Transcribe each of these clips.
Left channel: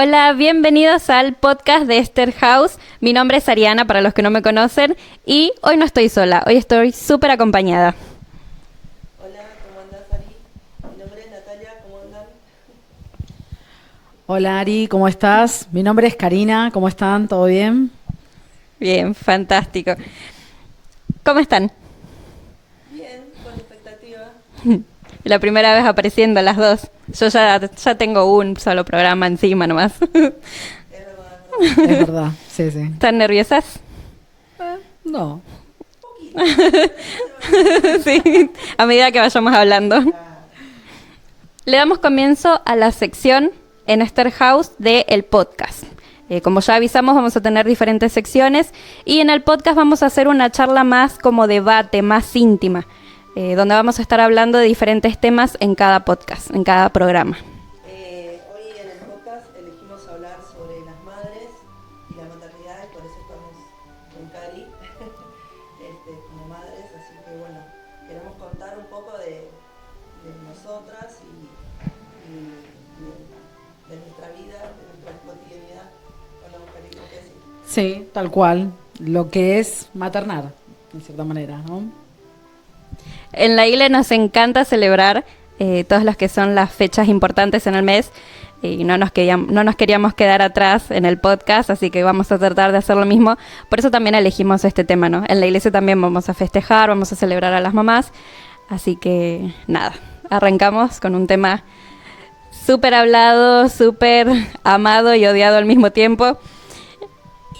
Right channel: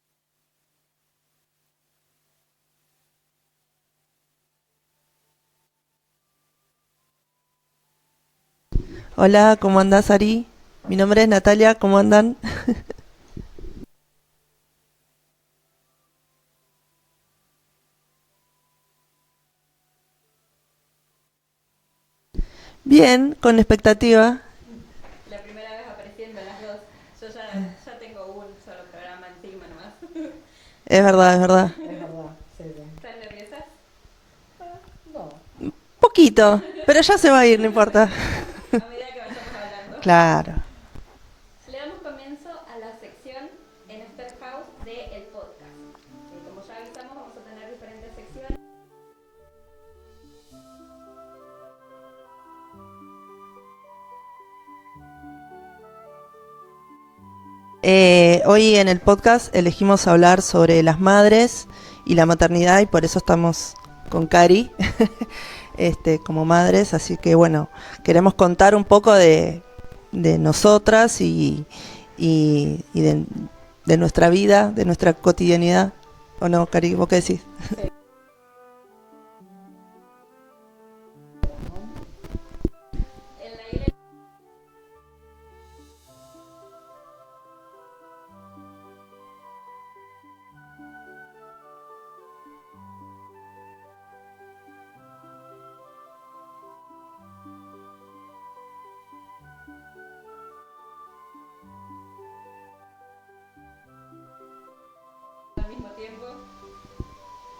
Hola, bienvenidos al podcast de Esther House. Mi nombre es Ariana, para los que no me conocen, y hoy no estoy sola, hoy estoy súper acompañada. Hola, ¿cómo andás, Ari? Mi nombre es Natalia, ¿cómo andan? Hola Ari, ¿cómo estás? Mi nombre es Karina, ¿cómo están? ¿Todo bien? Bien, fantástico. ¿Cómo están? Bien, con expectativa. La primera vez apareciendo las dos. Yo ya tengo un solo programa encima nomás. Es verdad, es verdad. Es verdad, sí, sí. ¿Están nerviosas? No. Poquito, pero ya se va a ir, no importa. Sí, a medida que vayamos hablando. Claro. Le damos comienzo a la sección en Esther House del podcast. Como ya avisamos, vamos a tener diferentes secciones y en el podcast vamos a hacer una charla más como debate, más íntima, donde vamos a estar hablando de diferentes temas en cada podcast, en cada programa. Hoy en el podcast elegimos hablar sobre las madres y la maternidad y por eso estamos con Cari como madres. Así que bueno, queremos contar un poco de nosotras y de nuestra vida, de nuestra cotidianidad. ¿O no, Cari? ¿Vos qué decís? Sí, tal cual. Lo que es maternar, de cierta manera, ¿no? En la ILE nos encanta celebrar todas las que son las fechas importantes en el mes y no nos queríamos quedar atrás en el podcast, así que vamos a tratar de hacer lo mismo. Por eso también elegimos este tema, ¿no? En la iglesia también vamos a festejar, vamos a celebrar a las mamás, así que nada, arrancamos con un tema súper hablado, súper amado y odiado al mismo tiempo.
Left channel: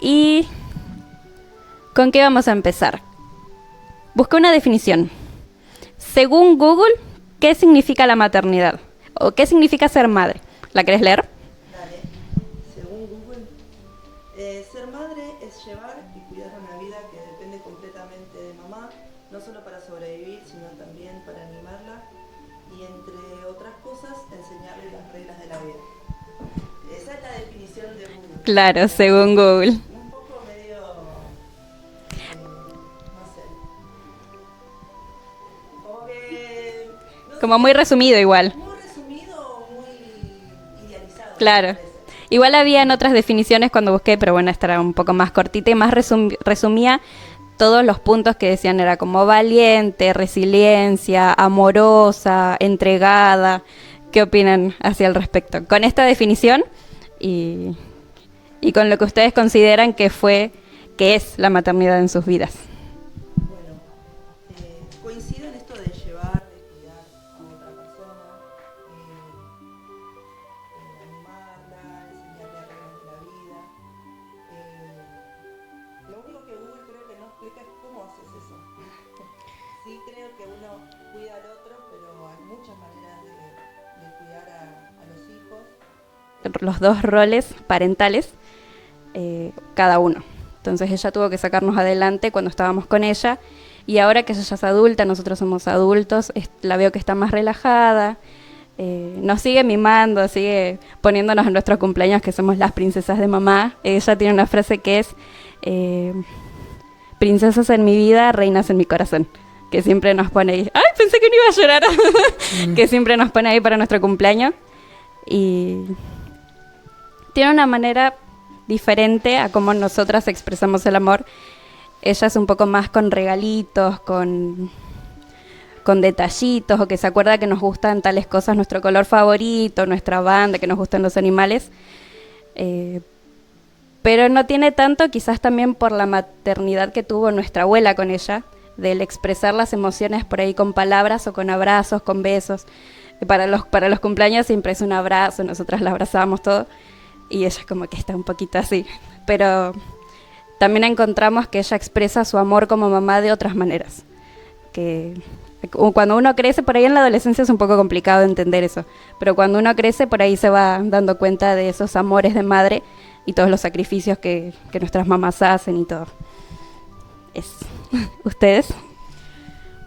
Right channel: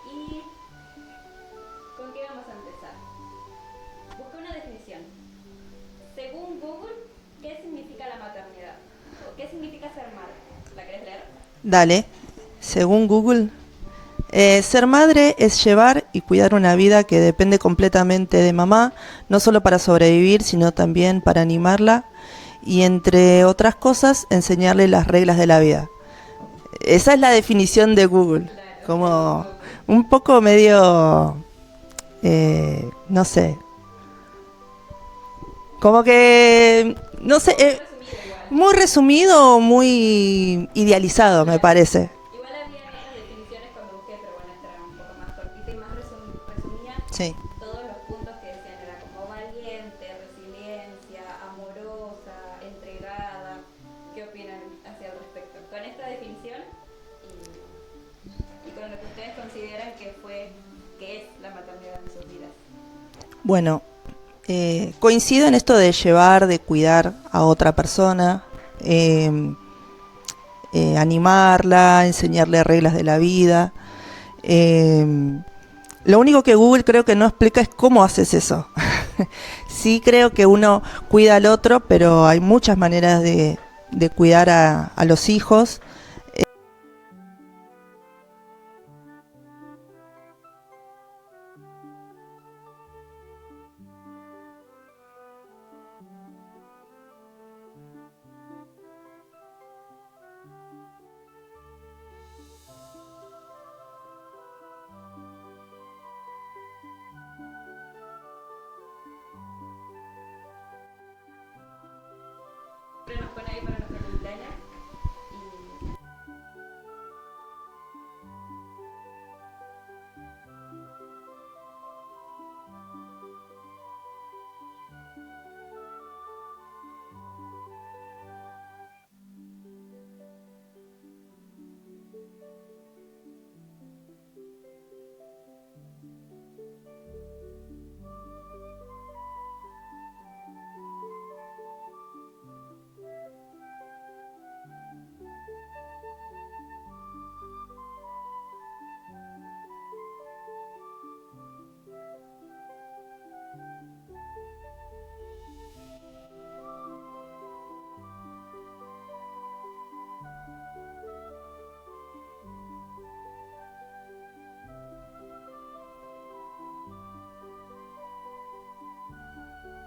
¿Y con qué vamos a empezar? Busqué una definición. Según Google, ¿qué significa la maternidad? ¿O qué significa ser madre? ¿La querés leer? Dale. Según Google, ser madre es llevar y cuidar una vida que depende completamente de mamá, no solo para sobrevivir, sino también para animarla y, entre otras cosas, enseñarle las reglas de la vida. Esa es la definición de Google. Claro, Como según Google. un poco medio, no sé, como que, no sé, Como muy resumido igual. muy resumido, muy idealizado, me Claro. parece. Igual había en otras definiciones cuando busqué, pero bueno, esta era un poco más cortita y más resumía Sí. todos los puntos que decían. Era como valiente, resiliencia, amorosa, entregada. ¿Qué opinan hacia el respecto? Con esta definición y con lo que ustedes consideran que es la maternidad en sus vidas. Bueno, coincido en esto de llevar, de cuidar a otra persona, animarla, enseñarle reglas de la vida. Lo único que Google creo que no explica es cómo haces eso. Sí creo que uno cuida al otro, pero hay muchas maneras de cuidar a los hijos. Los dos roles parentales, cada uno. Entonces ella tuvo que sacarnos adelante cuando estábamos con ella y ahora que ella ya es adulta, nosotros somos adultos, la veo que está más relajada, nos sigue mimando, sigue poniéndonos en nuestros cumpleaños que somos las princesas de mamá. Ella tiene una frase que es princesas en mi vida, reinas en mi corazón, que siempre nos pone ahí. ¡Ay, pensé que no iba a llorar! Que siempre nos pone ahí para nuestro cumpleaños y tiene una manera diferente a cómo nosotras expresamos el amor. Ella es un poco más con regalitos, con detallitos, o que se acuerda que nos gustan tales cosas, nuestro color favorito, nuestra banda, que nos gustan los animales. Pero no tiene tanto, quizás también por la maternidad que tuvo nuestra abuela con ella, del expresar las emociones por ahí con palabras o con abrazos, con besos. Para los cumpleaños siempre es un abrazo, nosotras la abrazábamos todo. Y ella como que está un poquito así. Pero también encontramos que ella expresa su amor como mamá de otras maneras. Que cuando uno crece, por ahí en la adolescencia es un poco complicado entender eso. Pero cuando uno crece, por ahí se va dando cuenta de esos amores de madre y todos los sacrificios que nuestras mamás hacen y todo. ¿Ustedes?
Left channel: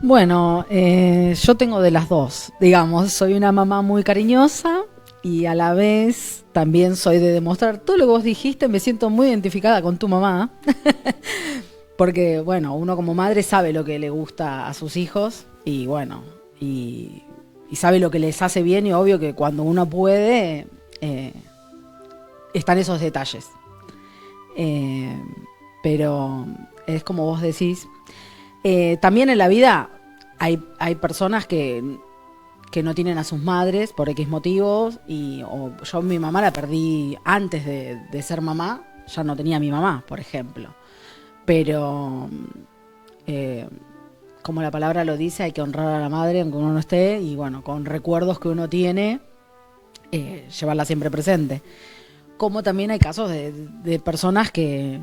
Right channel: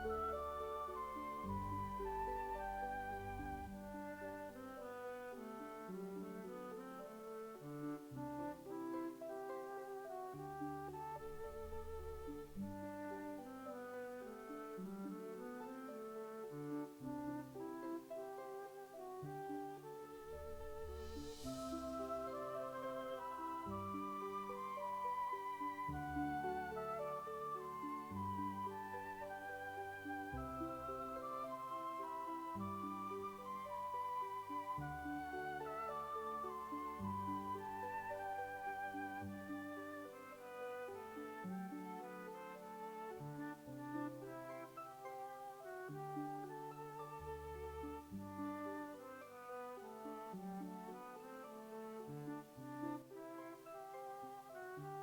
Bueno, yo tengo de las dos, digamos. Soy una mamá muy cariñosa y a la vez también soy de demostrar todo lo que vos dijiste. Me siento muy identificada con tu mamá. Porque, bueno, uno como madre sabe lo que le gusta a sus hijos y, bueno, y sabe lo que les hace bien y obvio que cuando uno puede, están esos detalles. Pero es como vos decís. También en la vida hay personas que no tienen a sus madres por X motivos. Yo mi mamá la perdí antes de ser mamá. Ya no tenía a mi mamá, por ejemplo. Pero, como la palabra lo dice, hay que honrar a la madre aunque uno no esté. Y bueno, con recuerdos que uno tiene, llevarla siempre presente. Como también hay casos de personas que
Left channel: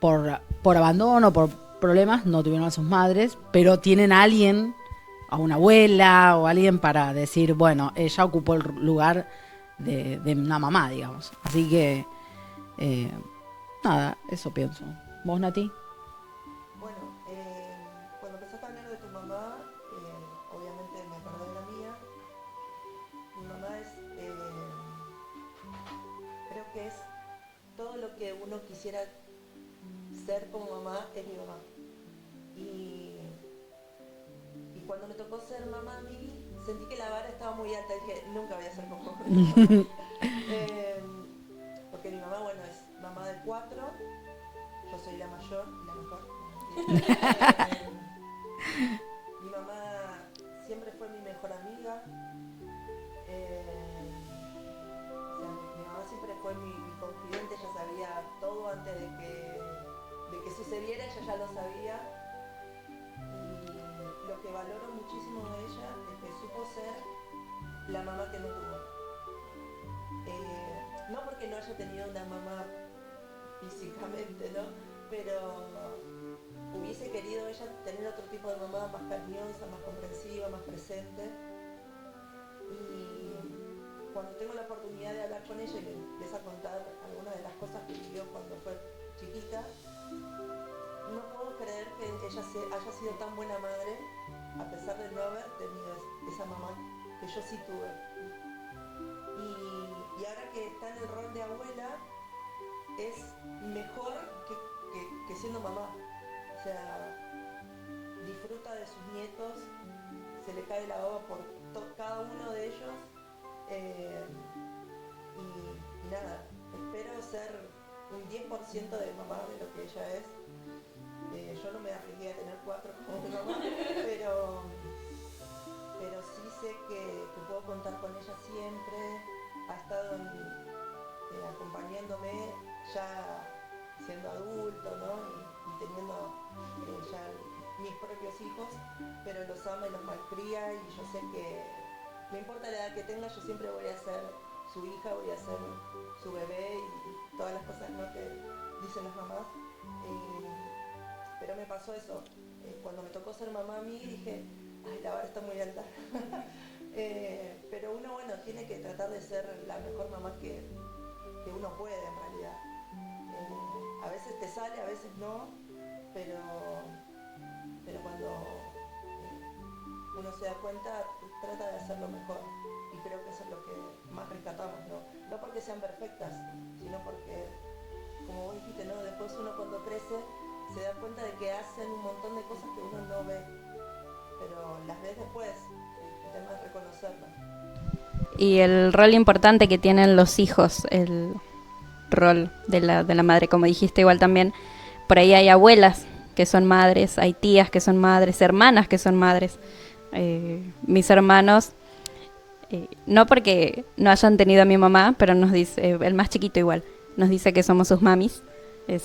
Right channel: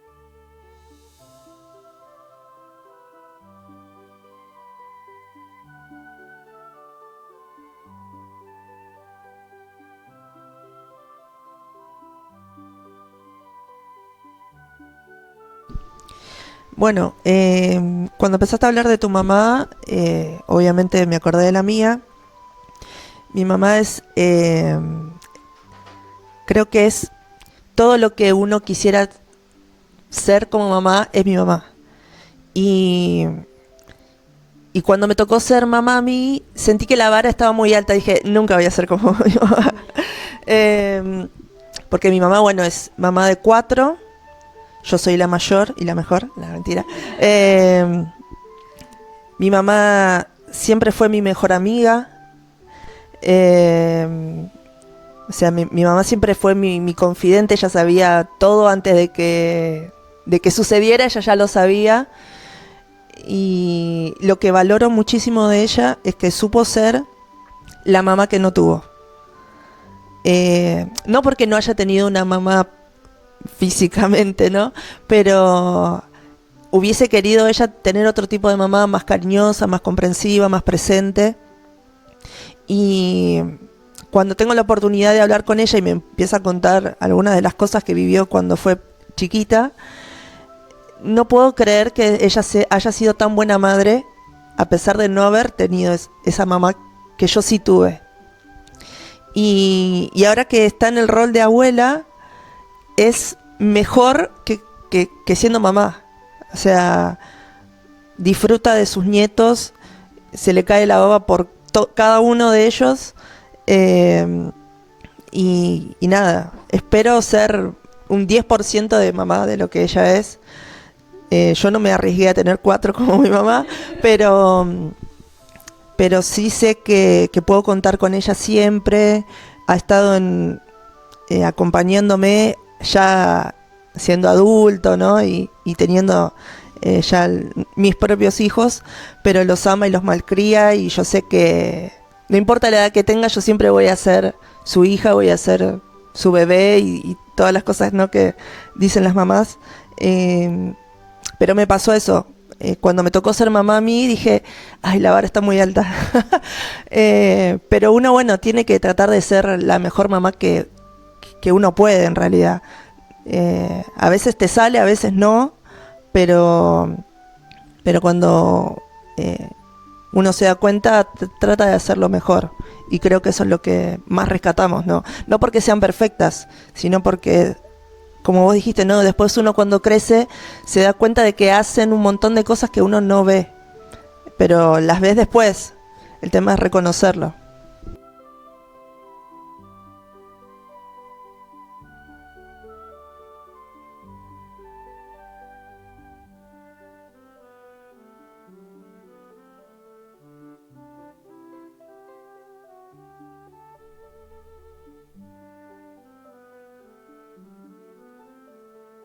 por abandono, por problemas, no tuvieron a sus madres, pero tienen a alguien, a una abuela o alguien para decir, bueno, ella ocupó el lugar de una mamá, digamos. Así que, nada, eso pienso. ¿Vos, Nati? Bueno, cuando empezaste a hablar de tu mamá, obviamente me acordé de la mía. Mi mamá es, creo que es todo lo que uno quisiera ser como mamá, es mi mamá. Y cuando me tocó ser mamá a mí, sentí que la vara estaba muy alta. Dije, nunca voy a ser como mi mamá. Porque mi mamá, bueno, es mamá de 4. Yo soy la mayor y la mejor. No, mentira. Mi mamá siempre fue mi mejor amiga. O sea, mi mamá siempre fue mi confidente. Ella sabía todo antes de que sucediera. Ella ya lo sabía. Y lo que valoro muchísimo de ella es que supo ser la mamá que no tuvo. No porque no haya tenido una mamá físicamente, ¿no? Pero hubiese querido ella tener otro tipo de mamá más cariñosa, más comprensiva, más presente. Y cuando tengo la oportunidad de hablar con ella y me empieza a contar algunas de las cosas que vivió cuando fue chiquita, no puedo creer que ella haya sido tan buena madre a pesar de no haber tenido esa mamá que yo sí tuve. Y ahora que está en el rol de abuela, es mejor que siendo mamá. O sea, disfruta de sus nietos, se le cae la baba por cada uno de ellos. Y nada, espero ser un 10% de mamá de lo que ella es. Yo no me arriesgué a tener 4 como mi mamá, pero sí sé que puedo contar con ella siempre. Ha estado acompañándome ya siendo adulto, ¿no? Y teniendo ya mis propios hijos, pero los ama y los malcría, y yo sé que no importa la edad que tenga, yo siempre voy a ser su hija, voy a ser su bebé y todas las cosas, ¿no?, que dicen las mamás. Pero me pasó eso. Cuando me tocó ser mamá a mí, dije, ay, la vara está muy alta. Pero uno, bueno, tiene que tratar de ser la mejor mamá que uno puede, en realidad. A veces te sale, a veces no, pero cuando uno se da cuenta, trata de hacerlo mejor. Y creo que eso es lo que más rescatamos, ¿no? No porque sean perfectas, sino porque, como vos dijiste, ¿no?, después uno cuando crece se da cuenta de que hacen un montón de cosas que uno no ve, pero las ves después. El tema es reconocerlo. Y el rol importante que tienen los hijos, el rol de la madre, como dijiste igual también. Por ahí hay abuelas que son madres, hay tías que son madres, hermanas que son madres. Mis hermanos, no porque no hayan tenido a mi mamá, pero nos dice, el más chiquito igual, nos dice que somos sus mamis,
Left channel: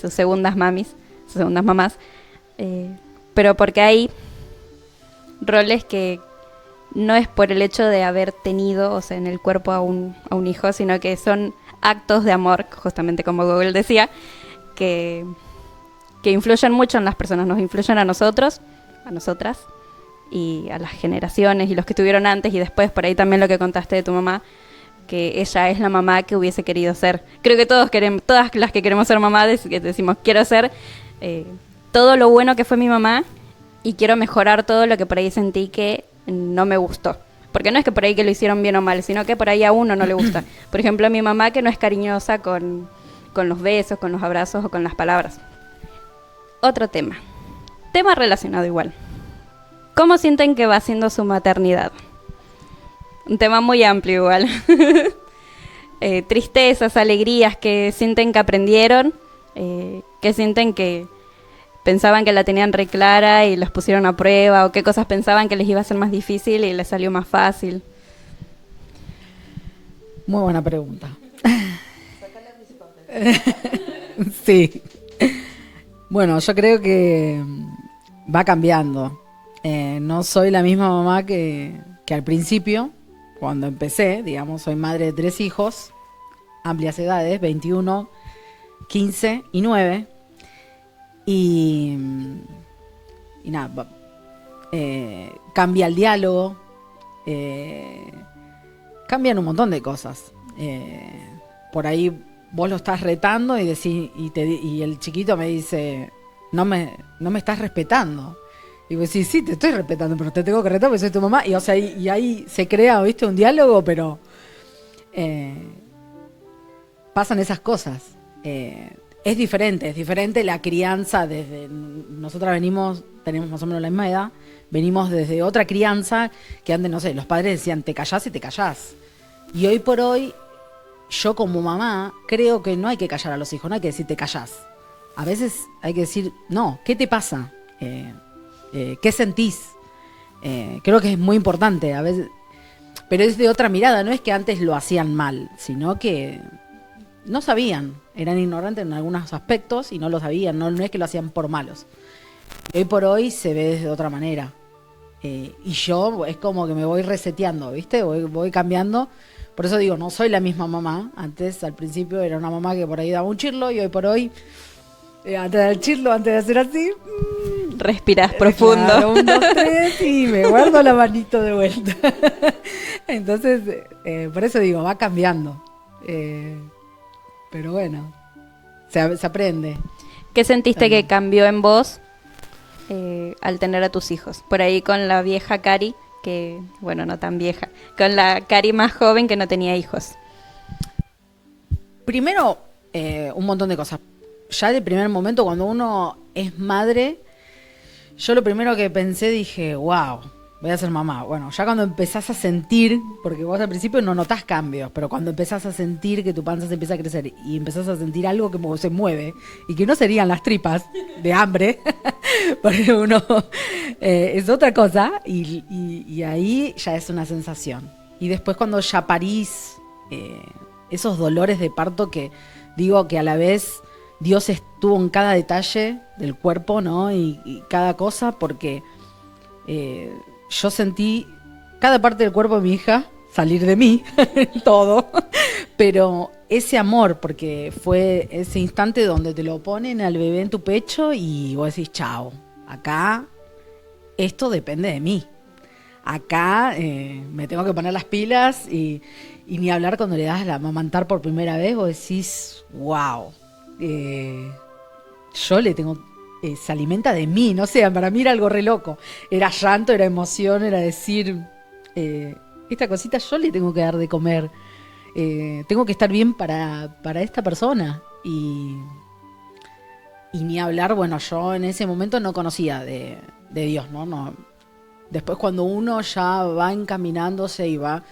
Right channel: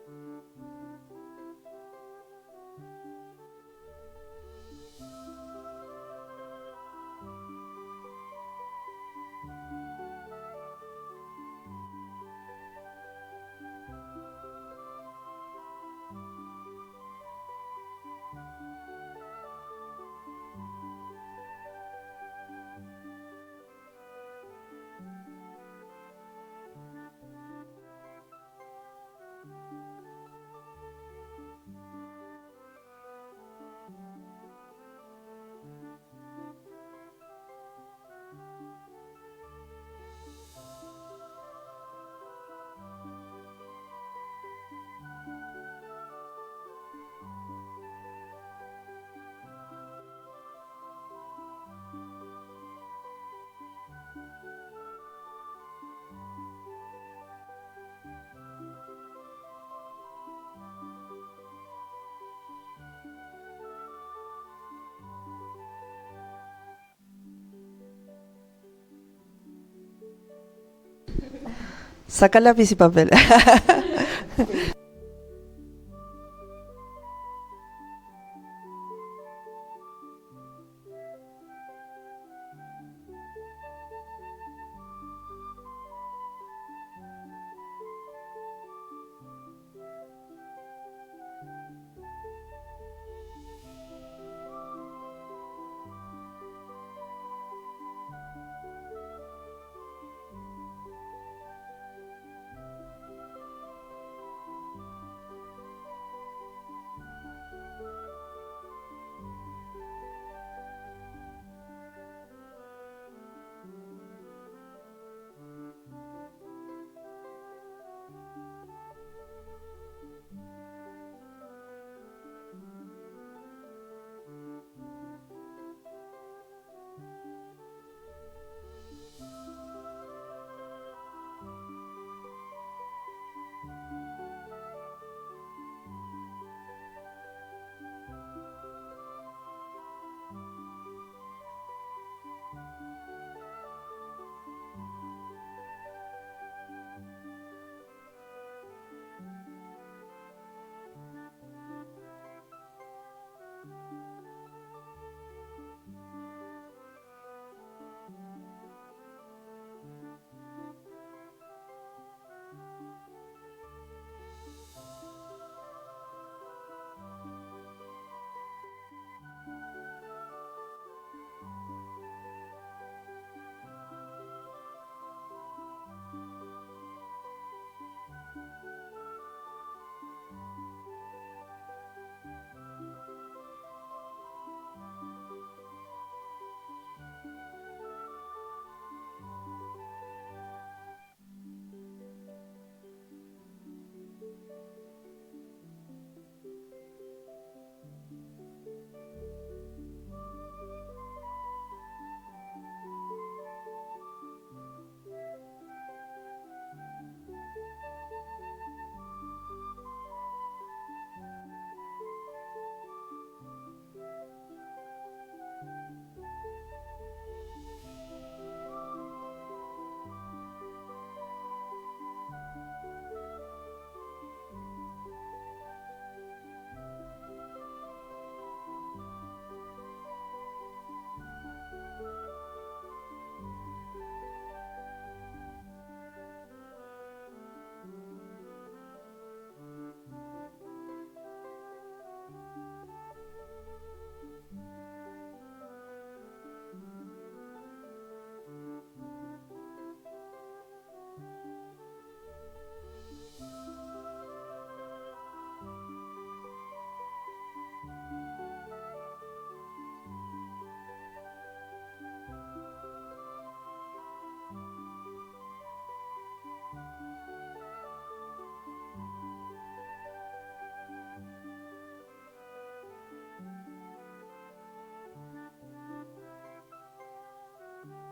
sus segundas mamis, sus segundas mamás, pero porque hay roles que no es por el hecho de haber tenido, o sea, en el cuerpo a un hijo, sino que son actos de amor, justamente como Google decía, que influyen mucho en las personas, nos influyen a nosotros, a nosotras, y a las generaciones y los que estuvieron antes y después. Por ahí también lo que contaste de tu mamá, que ella es la mamá que hubiese querido ser. Creo que todas las que queremos ser mamá decimos, quiero ser todo lo bueno que fue mi mamá y quiero mejorar todo lo que por ahí sentí que no me gustó. Porque no es que por ahí que lo hicieron bien o mal, sino que por ahí a uno no le gusta. Por ejemplo, mi mamá, que no es cariñosa con los besos, con los abrazos o con las palabras. Otro tema relacionado igual. ¿Cómo sienten que va siendo su maternidad? Un tema muy amplio igual. tristezas, alegrías que sienten que aprendieron, que sienten que pensaban que la tenían re clara y los pusieron a prueba, o qué cosas pensaban que les iba a ser más difícil y les salió más fácil. Muy buena pregunta. Saca lápiz y papel. Sí. Bueno, yo creo que va cambiando. No soy la misma mamá que al principio, cuando empecé. Digamos, soy madre de 3 hijos, amplias edades, 21, 15 y 9. Y nada, cambia el diálogo, cambian un montón de cosas. Por ahí vos lo estás retando y decís, y el chiquito me dice, no me estás respetando. Y vos decís, sí, te estoy respetando, pero te tengo que retar porque soy tu mamá. Y, o sea, y ahí se crea, ¿viste? Un diálogo, pero pasan esas cosas. Es diferente la crianza desde... Nosotras tenemos más o menos la misma edad, venimos desde otra crianza que antes, no sé, los padres decían, te callás y te callás. Y hoy por hoy, yo como mamá, creo que no hay que callar a los hijos, no hay que decir te callás. A veces hay que decir, no, ¿qué te pasa? ¿Qué sentís? Creo que es muy importante, a veces, pero es de otra mirada, no es que antes lo hacían mal, sino que no sabían, eran ignorantes en algunos aspectos y no lo sabían, no es que lo hacían por malos. Hoy por hoy se ve desde otra manera. Y yo es como que me voy reseteando, ¿viste? Voy cambiando. Por eso digo, no soy la misma mamá. Antes, al principio, era una mamá que por ahí daba un chirlo y hoy por hoy, antes del chirlo, antes de hacer así... Respirás profundo. Claro, 1, 2, 3 y me guardo la manito de vuelta. Entonces, por eso digo, va cambiando. Pero bueno, se aprende. ¿Qué sentiste También. que cambió en vos al tener a tus hijos? Por ahí con la vieja Cari, que, bueno, no tan vieja, con la Cari más joven que no tenía hijos. Primero, un montón de cosas. Ya de primer momento, cuando uno es madre, yo lo primero que pensé, dije, wow, voy a ser mamá. Bueno, ya cuando empezás a sentir, porque vos al principio no notás cambios, pero cuando empezás a sentir que tu panza se empieza a crecer y empezás a sentir algo que se mueve, y que no serían las tripas de hambre, porque uno es otra cosa, y ahí ya es una sensación. Y después cuando ya parís, esos dolores de parto que digo que a la vez Dios estuvo en cada detalle del cuerpo, ¿no? Y cada cosa, porque yo sentí cada parte del cuerpo de mi hija salir de mí, todo, pero ese amor, porque fue ese instante donde te lo ponen al bebé en tu pecho y vos decís, chao, acá esto depende de mí. Acá me tengo que poner las pilas y ni hablar cuando le das la amamantar por primera vez, vos decís, wow. Yo le tengo, se alimenta de mí, no sé, para mí era algo re loco. Era llanto, era emoción, era decir, esta cosita yo le tengo que dar de comer. Tengo que estar bien para esta persona. Y ni hablar, bueno, yo en ese momento no conocía de Dios, ¿no? Después cuando uno ya va encaminándose y va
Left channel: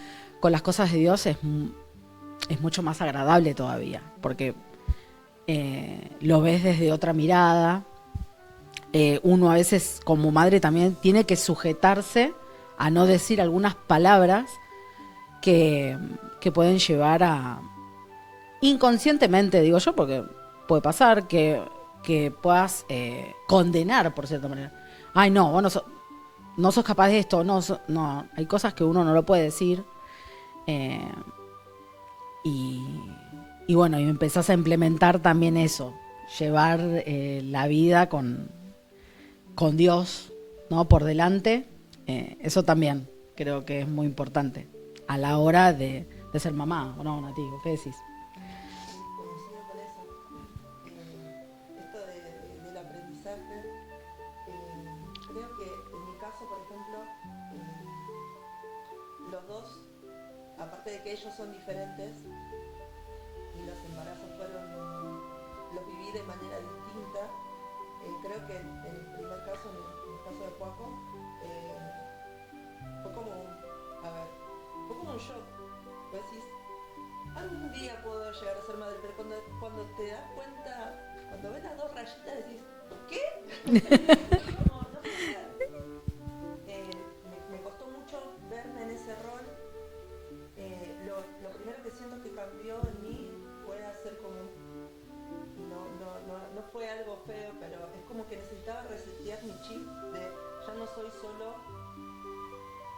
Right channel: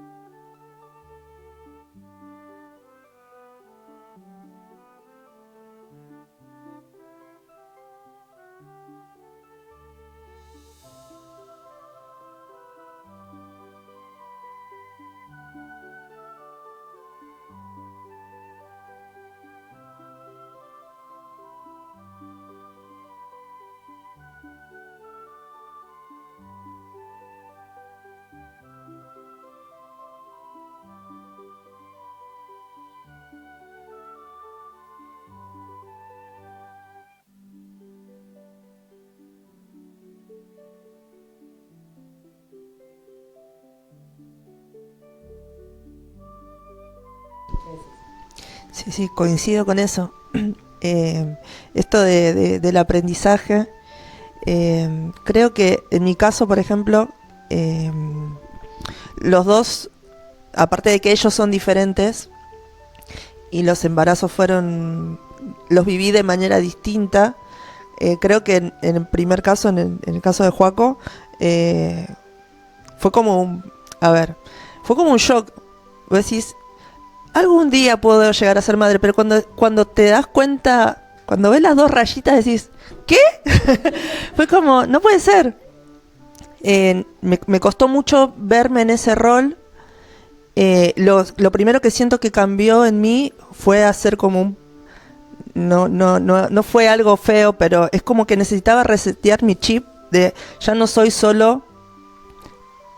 con las cosas de Dios es mucho más agradable todavía, porque lo ves desde otra mirada. Uno a veces como madre también tiene que sujetarse a no decir algunas palabras que pueden llevar a, inconscientemente digo yo, porque puede pasar que puedas condenar por cierta manera. Ay, no, vos no sos capaz de esto, no, hay cosas que uno no lo puede decir. Y bueno, y empezás a implementar también eso, llevar la vida con Dios, ¿no? Por delante. Eso también creo que es muy importante a la hora de ser mamá, ¿o no, Nati? ¿Qué decís? Sí, coincido con eso. Esto del aprendizaje, creo que en mi caso, por ejemplo, los dos, aparte de que ellos son diferentes y los embarazos los viví de manera distinta, creo que en el primer caso, en el caso de Joaco, fue como un shock. Vos decís, algún día puedo llegar a ser madre, pero cuando te das cuenta, cuando ves las 2 rayitas decís, ¿qué? Fue como, no puede ser. Me costó mucho verme en ese rol. Lo primero que siento que cambió en mí fue hacer como no fue algo feo, pero es como que necesitaba resetear mi chip de ya no soy solo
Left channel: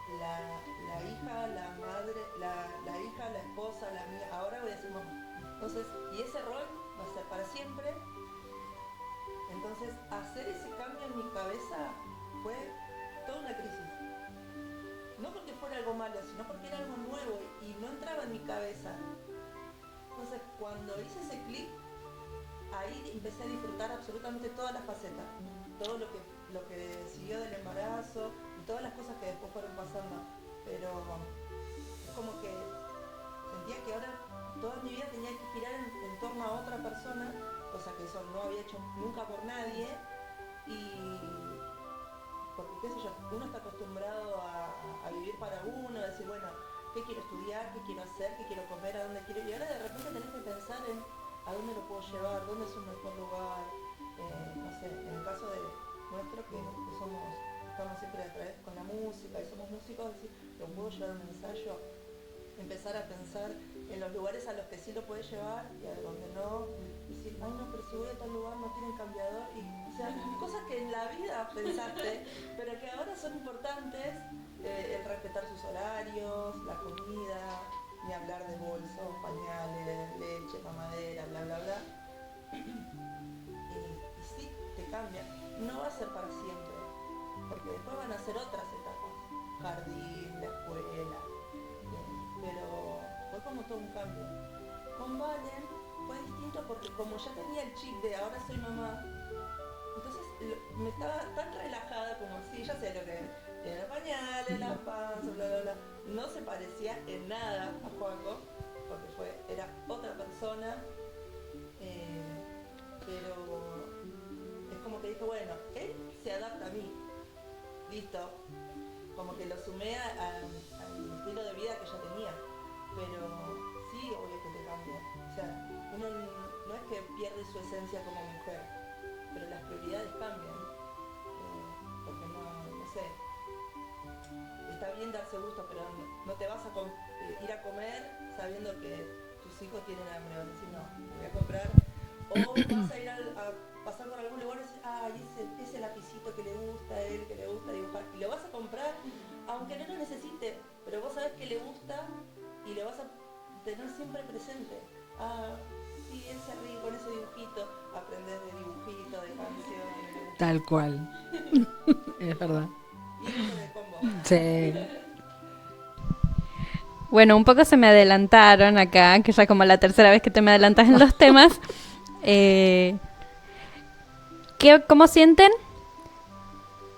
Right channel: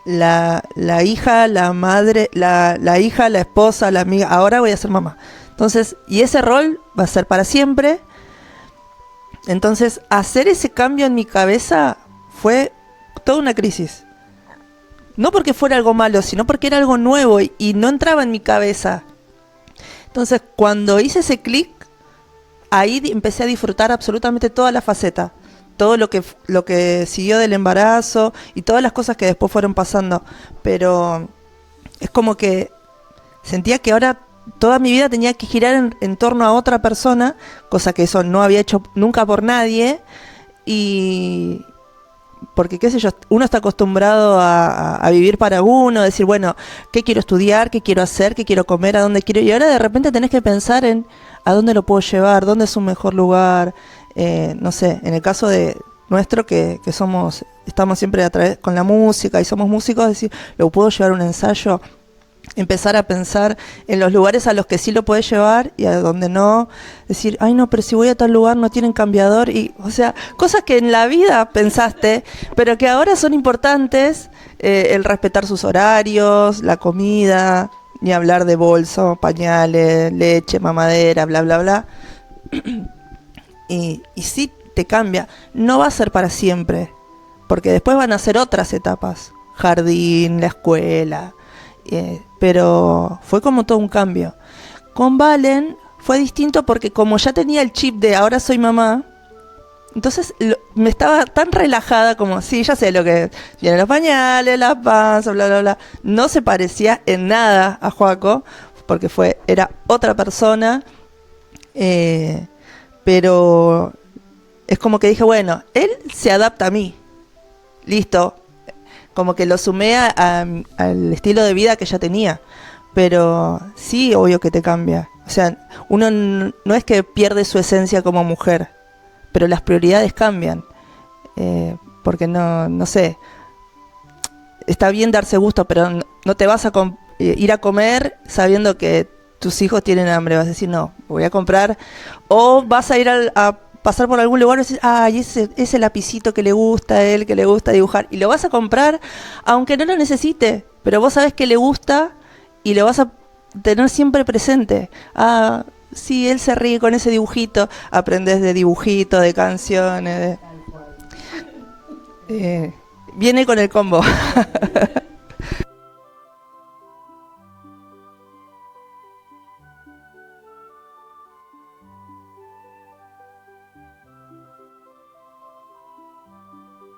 la hija, la madre, la hija, la esposa, la amiga, ahora voy a ser mamá. Entonces, y ese rol va a ser para siempre. Entonces, hacer ese cambio en mi cabeza fue toda una crisis. No porque fuera algo malo, sino porque era algo nuevo y no entraba en mi cabeza. Entonces, cuando hice ese clic, ahí empecé a disfrutar absolutamente toda la faceta. Todo lo que siguió del embarazo y todas las cosas que después fueron pasando. Pero es como que sentía que ahora toda mi vida tenía que girar en torno a otra persona, cosa que eso no había hecho nunca por nadie. Y porque, qué sé yo, uno está acostumbrado a vivir para uno, decir, bueno, ¿qué quiero estudiar? ¿Qué quiero hacer? ¿Qué quiero comer? ¿A dónde quiero ir? Y ahora de repente tenés que pensar en a dónde lo puedo llevar, dónde es un mejor lugar. No sé, en el caso de nuestro, que estamos siempre a través con la música y somos músicos, decir, ¿lo puedo llevar a un ensayo? Empezar a pensar en los lugares a los que sí lo puedes llevar y a donde no. Decir, ay no, pero si voy a tal lugar no tienen cambiador. Y, o sea, cosas que en la vida pensaste, pero que ahora son importantes. El respetar sus horarios, la comida, ni hablar de bolso, pañales, leche, mamadera, bla, bla, bla. Y sí te cambia. No va a ser para siempre, porque después van a ser otras etapas. Jardín, la escuela. Pero fue como todo un cambio. Con Valen fue distinto porque como ya tenía el chip de ahora soy mamá, entonces me estaba tan relajada como, sí, ya sé lo que vienen los pañales, la panza, bla, bla, bla. No se parecía en nada a Joaco, porque era otra persona. Pero es como que dije, bueno, él se adapta a mí. Listo. Como que lo sumé al estilo de vida que ya tenía. Pero sí, obvio que te cambia. O sea, uno no es que pierde su esencia como mujer, pero las prioridades cambian. Porque no sé. Está bien darse gusto, pero no te vas a ir a comer sabiendo que tus hijos tienen hambre. Vas a decir, no, voy a comprar. O vas a ir a pasar por algún lugar y decir, ay, ese lapicito que le gusta a él, que le gusta dibujar. Y lo vas a comprar, aunque no lo necesite. Pero vos sabés que le gusta y lo vas a tener siempre presente. Ah, sí, él se ríe con ese dibujito. Aprendés de dibujito, de canciones. Tal cual. Viene con el combo. Sí. Bueno, un poco se me adelantaron acá, que ya como la tercera vez que te me adelantas en los temas. ¿Cómo sienten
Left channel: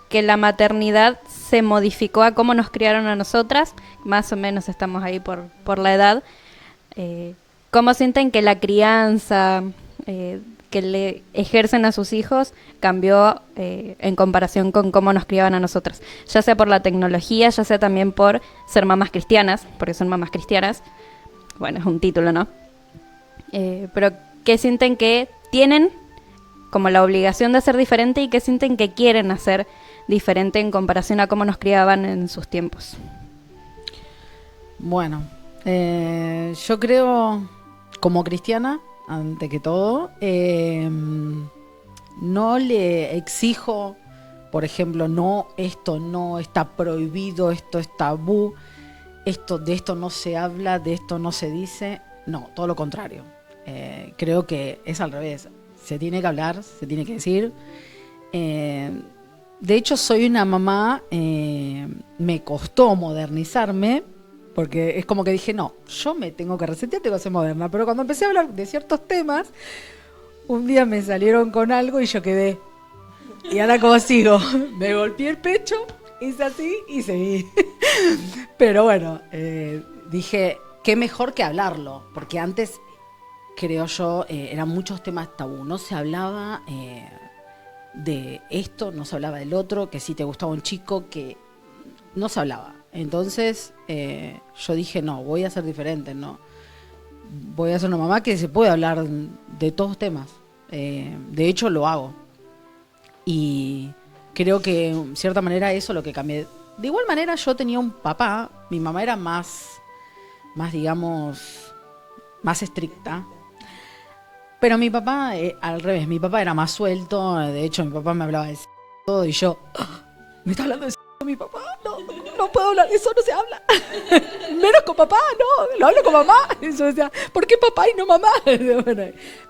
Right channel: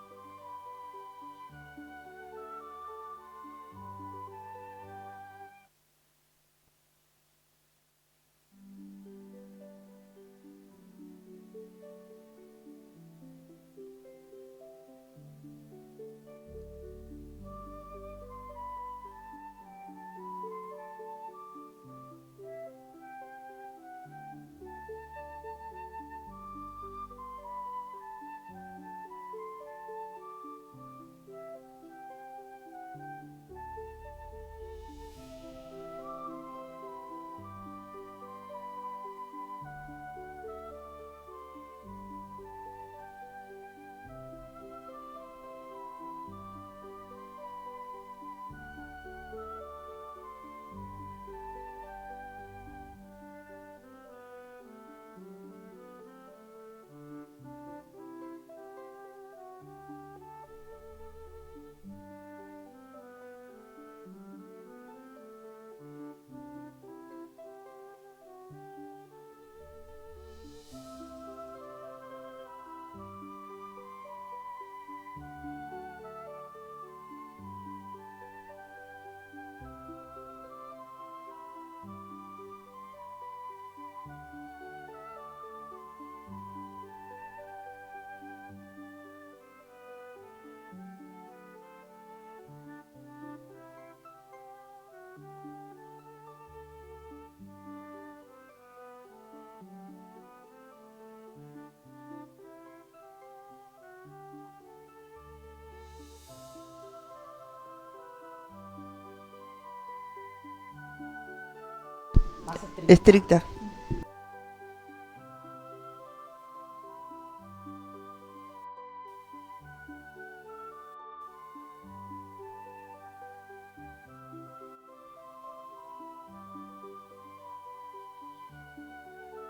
que la maternidad se modificó a cómo nos criaron a nosotras? Más o menos estamos ahí por la edad. ¿Cómo sienten que la crianza que le ejercen a sus hijos cambió en comparación con cómo nos criaban a nosotras? Ya sea por la tecnología, ya sea también por ser mamás cristianas, porque son mamás cristianas. Bueno, es un título, ¿no? Pero ¿qué sienten que tienen como la obligación de hacer diferente y qué sienten que quieren hacer diferente en comparación a cómo nos criaban en sus tiempos? Bueno, yo creo, como cristiana, ante que todo, no le exijo, por ejemplo, no, esto no está prohibido, esto es tabú, de esto no se habla, de esto no se dice. No, todo lo contrario. Creo que es al revés. Se tiene que hablar, se tiene que decir. De hecho, soy una mamá, me costó modernizarme, porque es como que dije, no, yo me tengo que resetear, tengo que ser moderna. Pero cuando empecé a hablar de ciertos temas, un día me salieron con algo y yo quedé. Y ahora como sigo, me golpeé el pecho, hice así y seguí. Pero bueno, dije, qué mejor que hablarlo, porque antes, creo yo, eran muchos temas tabú. No se hablaba de esto, no se hablaba del otro, que si te gustaba un chico, que no se hablaba. Entonces yo dije, no, voy a ser diferente, no. voy a ser una mamá que se puede hablar de todos temas. De hecho, lo hago. Y creo que, en cierta manera, eso es lo que cambié. De igual manera, yo tenía un papá, mi mamá era más digamos, más estricta. Pero mi papá, al revés, mi papá era más suelto. De hecho, mi papá me hablaba de todo y yo, ¿me está hablando de mi papá? No puedo hablar de eso, no se habla. Menos con papá, no, lo hablo con mamá. Y yo decía, ¿por qué papá y no mamá?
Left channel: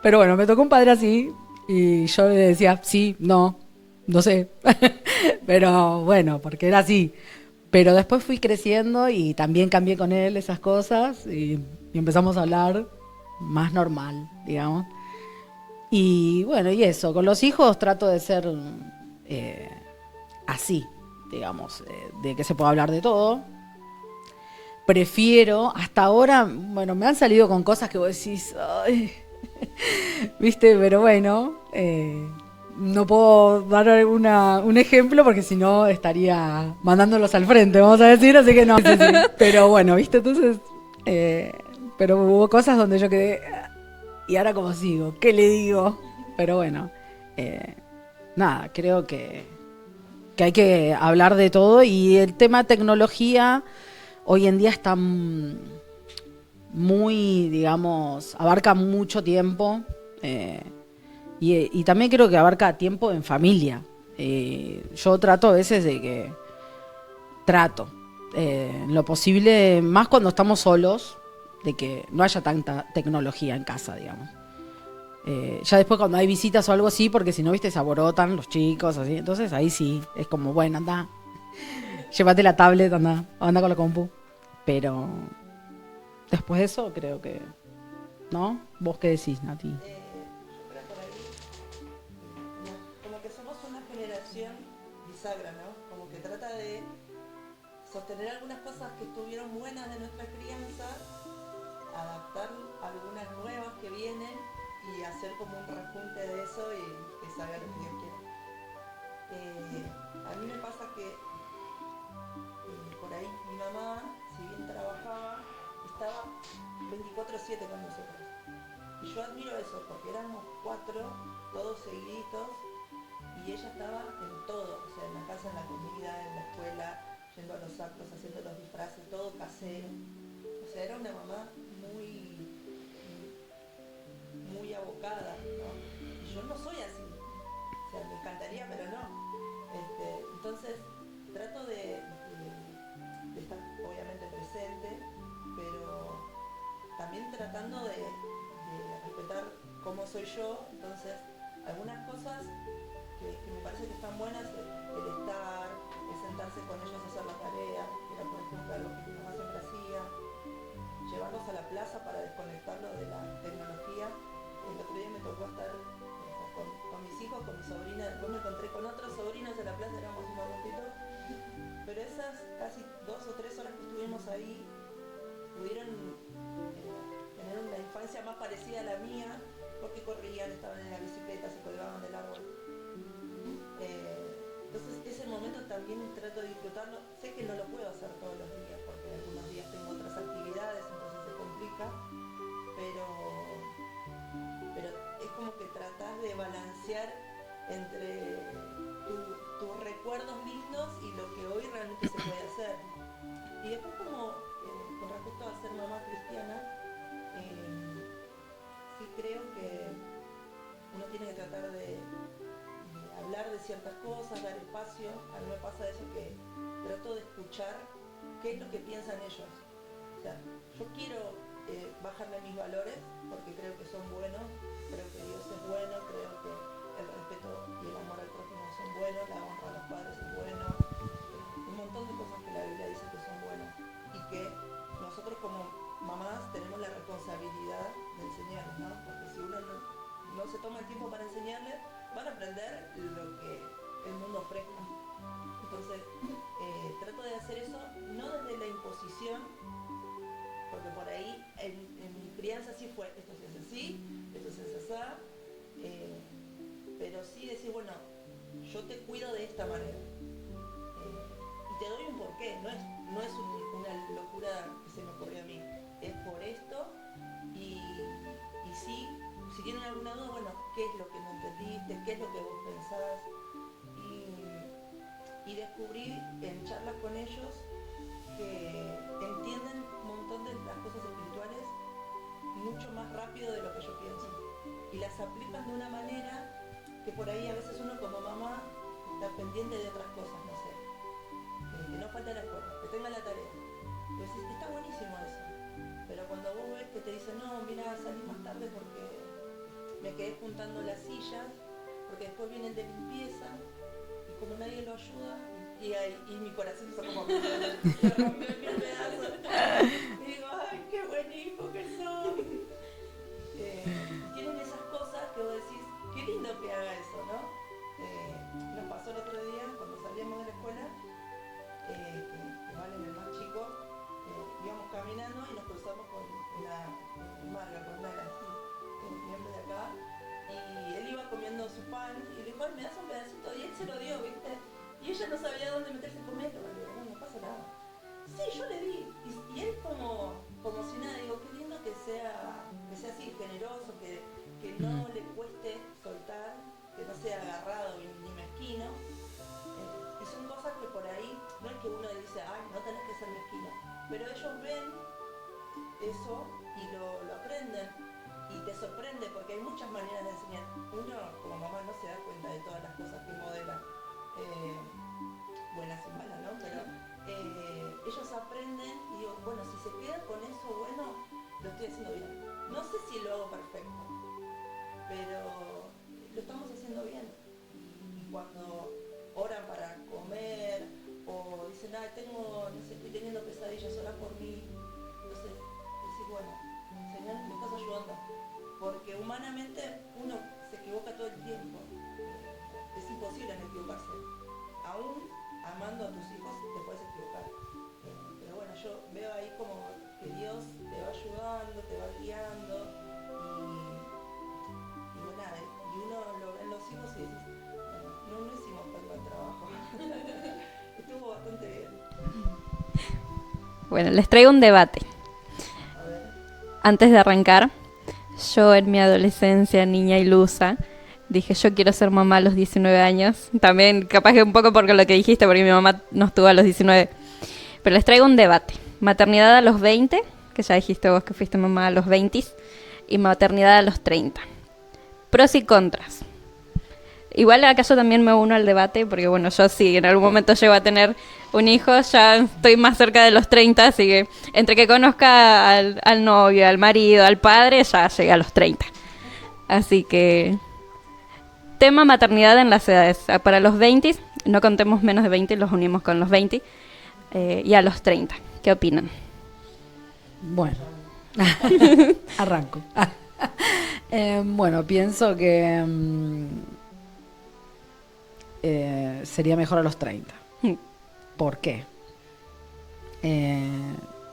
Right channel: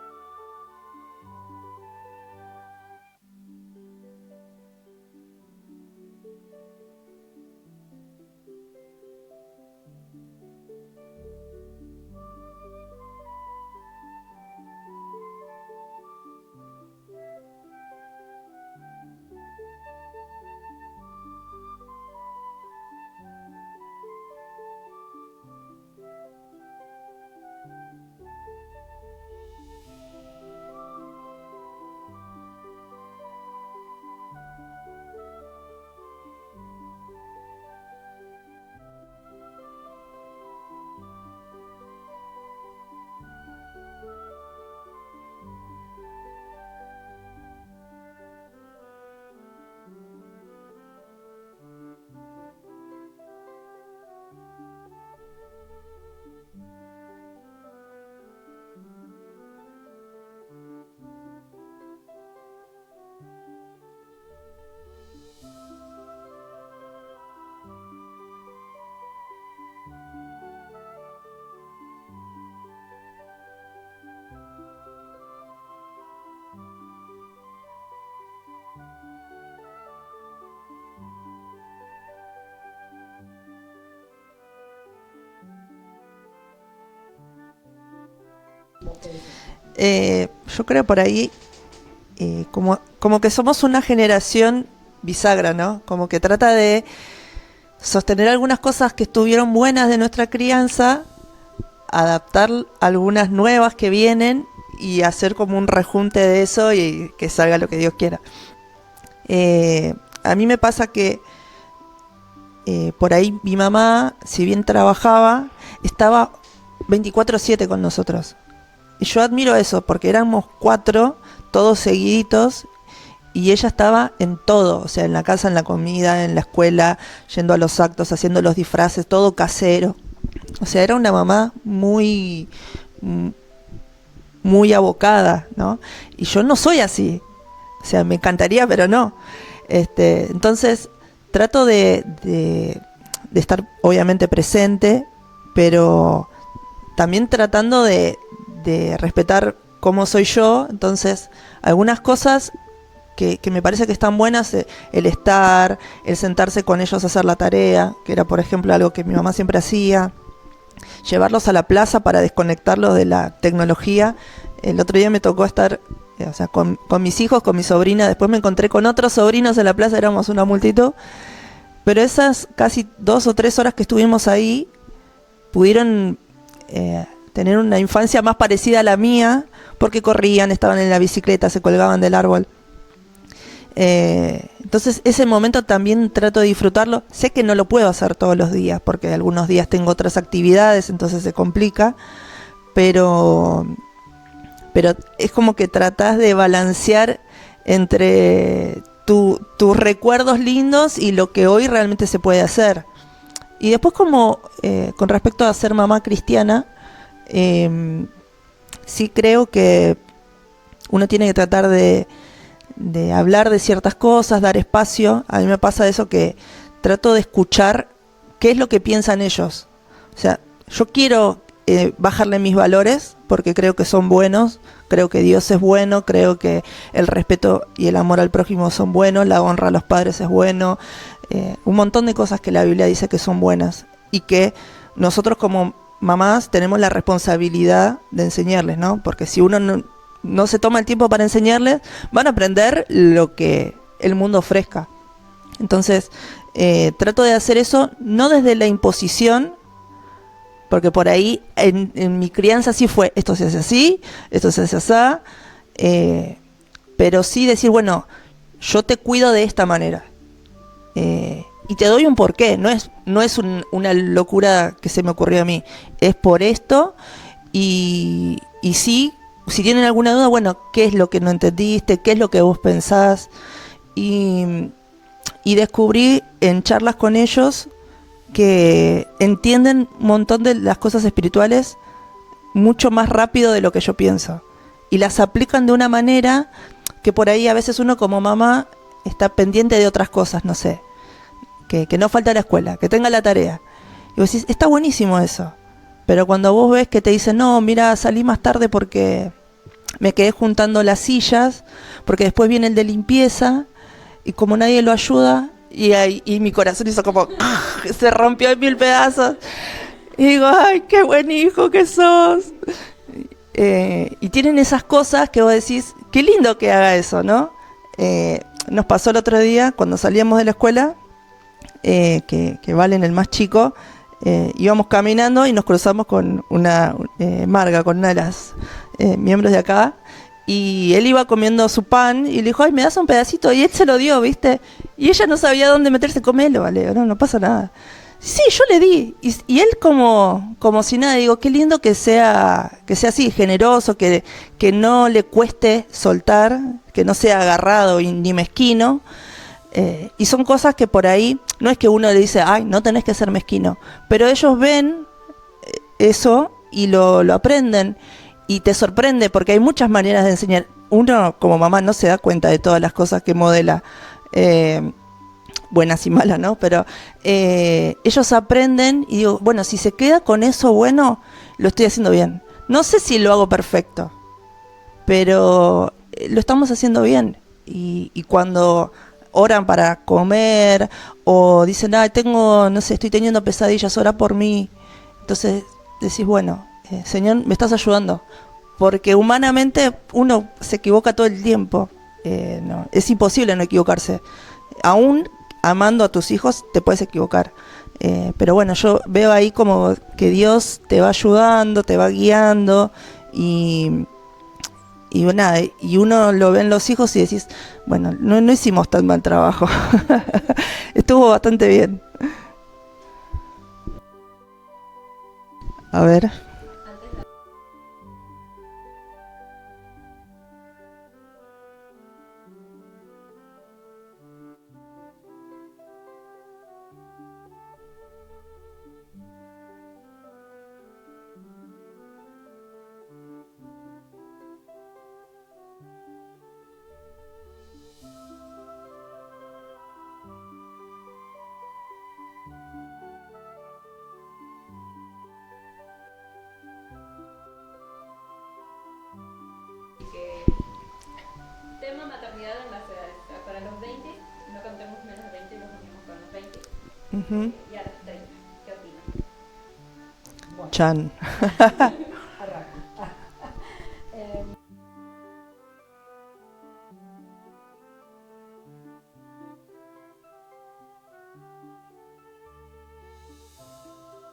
Pero bueno, me tocó un padre así y yo le decía, sí, no sé. Pero bueno, porque era así. Pero después fui creciendo y también cambié con él esas cosas y empezamos a hablar más normal, digamos. Y bueno, y eso, con los hijos trato de ser así, digamos, de que se pueda hablar de todo. Prefiero, hasta ahora, bueno, me han salido con cosas que vos decís, ay, ¿viste? Pero bueno, no puedo dar un ejemplo porque si no estaría mandándolos al frente, vamos a decir, así que no. Sí. Pero bueno, ¿viste? Entonces, pero hubo cosas donde yo quedé, ¿y ahora cómo sigo? ¿Qué le digo? Pero bueno, nada, creo que hay que hablar de todo y el tema tecnología hoy en día está muy, digamos, abarca mucho tiempo. Y también creo que abarca tiempo en familia. Yo trato a veces de que... lo posible, más cuando estamos solos, de que no haya tanta tecnología en casa, digamos. Ya después cuando hay visitas o algo así, porque si no, viste, se aborotan los chicos, así. Entonces ahí sí, es como, bueno, anda, llévate la tablet, anda con la compu. Pero después de eso, creo que... ¿No? ¿Vos qué decís, Nati? Yo creo por ahí como que somos una generación bisagra, ¿no? Como que trata de sostener algunas cosas que estuvieron buenas de nuestra crianza, adaptar algunas nuevas que vienen y hacer como un rejunte de eso y que salga lo que Dios quiera. A mí me pasa que por ahí mi mamá, si bien trabajaba, estaba 24/7 con nosotros. Y yo admiro eso, porque éramos 4, todos seguiditos, y ella estaba en todo, o sea, en la casa, en la comida, en la escuela, yendo a los actos, haciendo los disfraces, todo casero. O sea, era una mamá muy abocada, ¿no? Y yo no soy así. O sea, me encantaría, pero no. Entonces, trato de estar obviamente presente, pero también tratando de respetar cómo soy yo. Entonces, algunas cosas que me parece que están buenas, el estar, el sentarse con ellos a hacer la tarea, que era, por ejemplo, algo que mi mamá siempre hacía, llevarlos a la plaza para desconectarlos de la tecnología. El otro día me tocó estar, o sea, con mis hijos, con mi sobrina, después me encontré con otros sobrinos en la plaza, éramos una multitud, pero esas casi 2 o 3 horas que estuvimos ahí, pudieron tener una infancia más parecida a la mía, porque corrían, estaban en la bicicleta, se colgaban del árbol. Entonces ese momento también trato de disfrutarlo. Sé que no lo puedo hacer todos los días, porque algunos días tengo otras actividades, entonces se complica, pero es como que tratás de balancear entre tus recuerdos lindos y lo que hoy realmente se puede hacer. Y después, como con respecto a ser mamá cristiana, sí creo que uno tiene que tratar de hablar de ciertas cosas, dar espacio. A mí me pasa eso, que trato de escuchar qué es lo que piensan ellos. O sea, yo quiero bajarle mis valores porque creo que son buenos, creo que Dios es bueno, creo que el respeto y el amor al prójimo son buenos, la honra a los padres es bueno, un montón de cosas que la Biblia dice que son buenas y que nosotros como mamás tenemos la responsabilidad de enseñarles, ¿no? Porque si uno no se toma el tiempo para enseñarles, van a aprender lo que el mundo ofrezca. Entonces, trato de hacer eso no desde la imposición, porque por ahí en mi crianza sí fue, esto se hace así, esto se hace así, pero sí decir, bueno, yo te cuido de esta manera. Y te doy un porqué, no es una locura que se me ocurrió a mí, es por esto, y sí, si tienen alguna duda, bueno, ¿qué es lo que no entendiste? ¿Qué es lo que vos pensás? Y descubrí en charlas con ellos que entienden un montón de las cosas espirituales mucho más rápido de lo que yo pienso. Y las aplican de una manera que por ahí a veces uno como mamá está pendiente de otras cosas, no sé. Que no falta la escuela, que tenga la tarea. Y vos decís, está buenísimo eso. Pero cuando vos ves que te dicen, no, mira, salí más tarde porque me quedé juntando las sillas, porque después viene el de limpieza, y como nadie lo ayuda, y mi corazón hizo como, se rompió en 1000 pedazos. Y digo, ay, qué buen hijo que sos. Y tienen esas cosas que vos decís, qué lindo que haga eso, ¿no? Nos pasó el otro día, cuando salíamos de la escuela, que Valen, el más chico, íbamos caminando y nos cruzamos con una Marga, con una de las miembros de acá, y él iba comiendo su pan y le dijo, ay, ¿me das un pedacito? Y él se lo dio, ¿viste? Y ella no sabía dónde meterse, comelo, vale, no pasa nada. Sí, yo le di. Y él como si nada, digo, qué lindo que sea así, generoso, que no le cueste soltar, que no sea agarrado ni mezquino. Y son cosas que por ahí, no es que uno le dice, ay, no tenés que ser mezquino, pero ellos ven eso y lo aprenden y te sorprende porque hay muchas maneras de enseñar. Uno como mamá no se da cuenta de todas las cosas que modela, buenas y malas, ¿no? Pero ellos aprenden y digo, bueno, si se queda con eso bueno, lo estoy haciendo bien. No sé si lo hago perfecto, pero lo estamos haciendo bien. Y cuando oran para comer o dicen, no sé, estoy teniendo pesadillas, ora por mí. Entonces decís, bueno, Señor, me estás ayudando. Porque humanamente uno se equivoca todo el tiempo. No, es imposible no equivocarse. Aún amando a tus hijos te puedes equivocar. Pero bueno, yo veo ahí como que Dios te va ayudando, te va guiando y nada, y uno lo ve en los hijos y decís, bueno, no hicimos tan mal trabajo. Estuvo bastante bien. Bueno, les traigo un debate. A ver. Antes de arrancar, yo en mi adolescencia, niña ilusa, dije, yo quiero ser mamá a los 19 años. También capaz que un poco porque lo que dijiste, porque mi mamá no estuvo a los 19. Pero les traigo un debate. Maternidad a los 20, que ya dijiste vos que fuiste mamá a los 20, y maternidad a los 30. Pros y contras. Igual acá yo también me uno al debate, porque bueno, yo sí, en algún momento llego a tener un hijo, ya estoy más cerca de los 30, así que entre que conozca al novio, al marido, al padre, ya llegué a los 30. Así que tema maternidad en las edades. Para los 20, no contemos menos de 20, los unimos con los 20, y a los 30. ¿Qué opinan? Bueno, Chan. arranco. Bueno, pienso que sería mejor a los 30. ¿Por qué?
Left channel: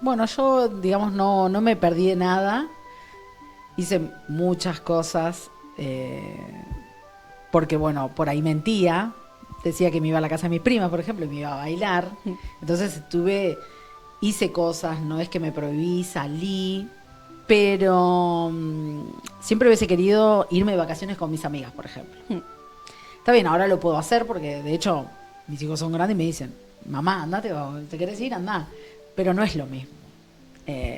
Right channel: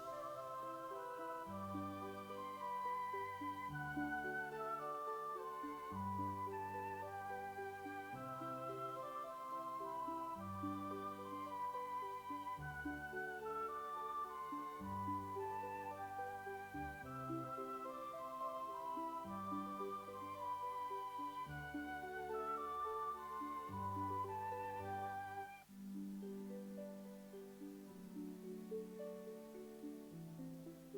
Bueno, yo, digamos, no me perdí de nada. Hice muchas cosas porque, bueno, por ahí mentía. Decía que me iba a la casa de mis primas, por ejemplo, y me iba a bailar. Entonces hice cosas, no es que me prohibí, salí. Pero siempre hubiese querido irme de vacaciones con mis amigas, por ejemplo. Está bien, ahora lo puedo hacer porque, de hecho, mis hijos son grandes y me dicen, mamá, andate, ¿te querés ir? Andá. Pero no es lo mismo.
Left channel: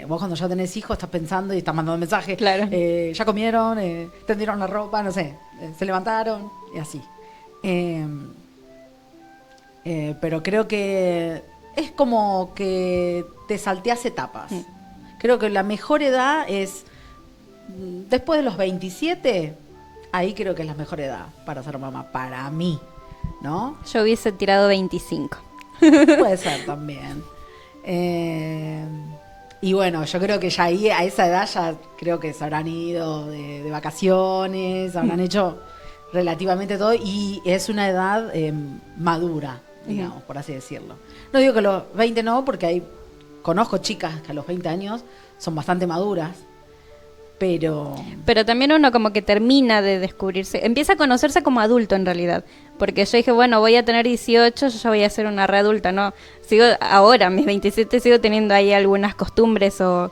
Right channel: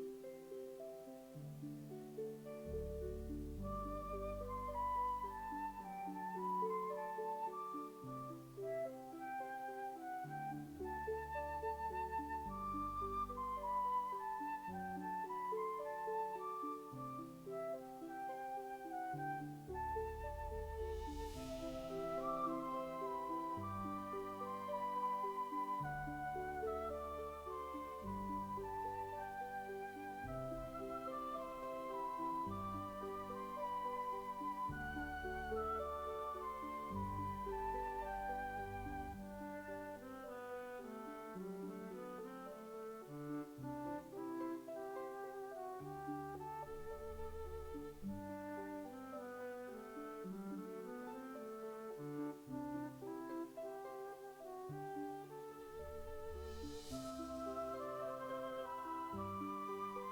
Vos cuando ya tenés hijos estás pensando y estás mandando mensajes. Claro. Ya comieron, tendieron la ropa, no sé, se levantaron y así. Pero creo que es como que te salteás etapas. Creo que la mejor edad es después de los 27, ahí creo que es la mejor edad para ser mamá, para mí, ¿no? Yo hubiese tirado 25. Puede ser también. Y bueno, yo creo que ya ahí, a esa edad, ya creo que se habrán ido de vacaciones, habrán hecho relativamente todo, y es una edad madura, digamos, por así decirlo. No digo que los 20 no, porque conozco chicas que a los 20 años son bastante maduras, pero también uno como que termina de descubrirse, empieza a conocerse como adulto en realidad, porque yo dije, bueno, voy a tener 18, yo ya voy a ser una readulta, ¿no? Sigo ahora, mis 27, sigo teniendo ahí algunas costumbres o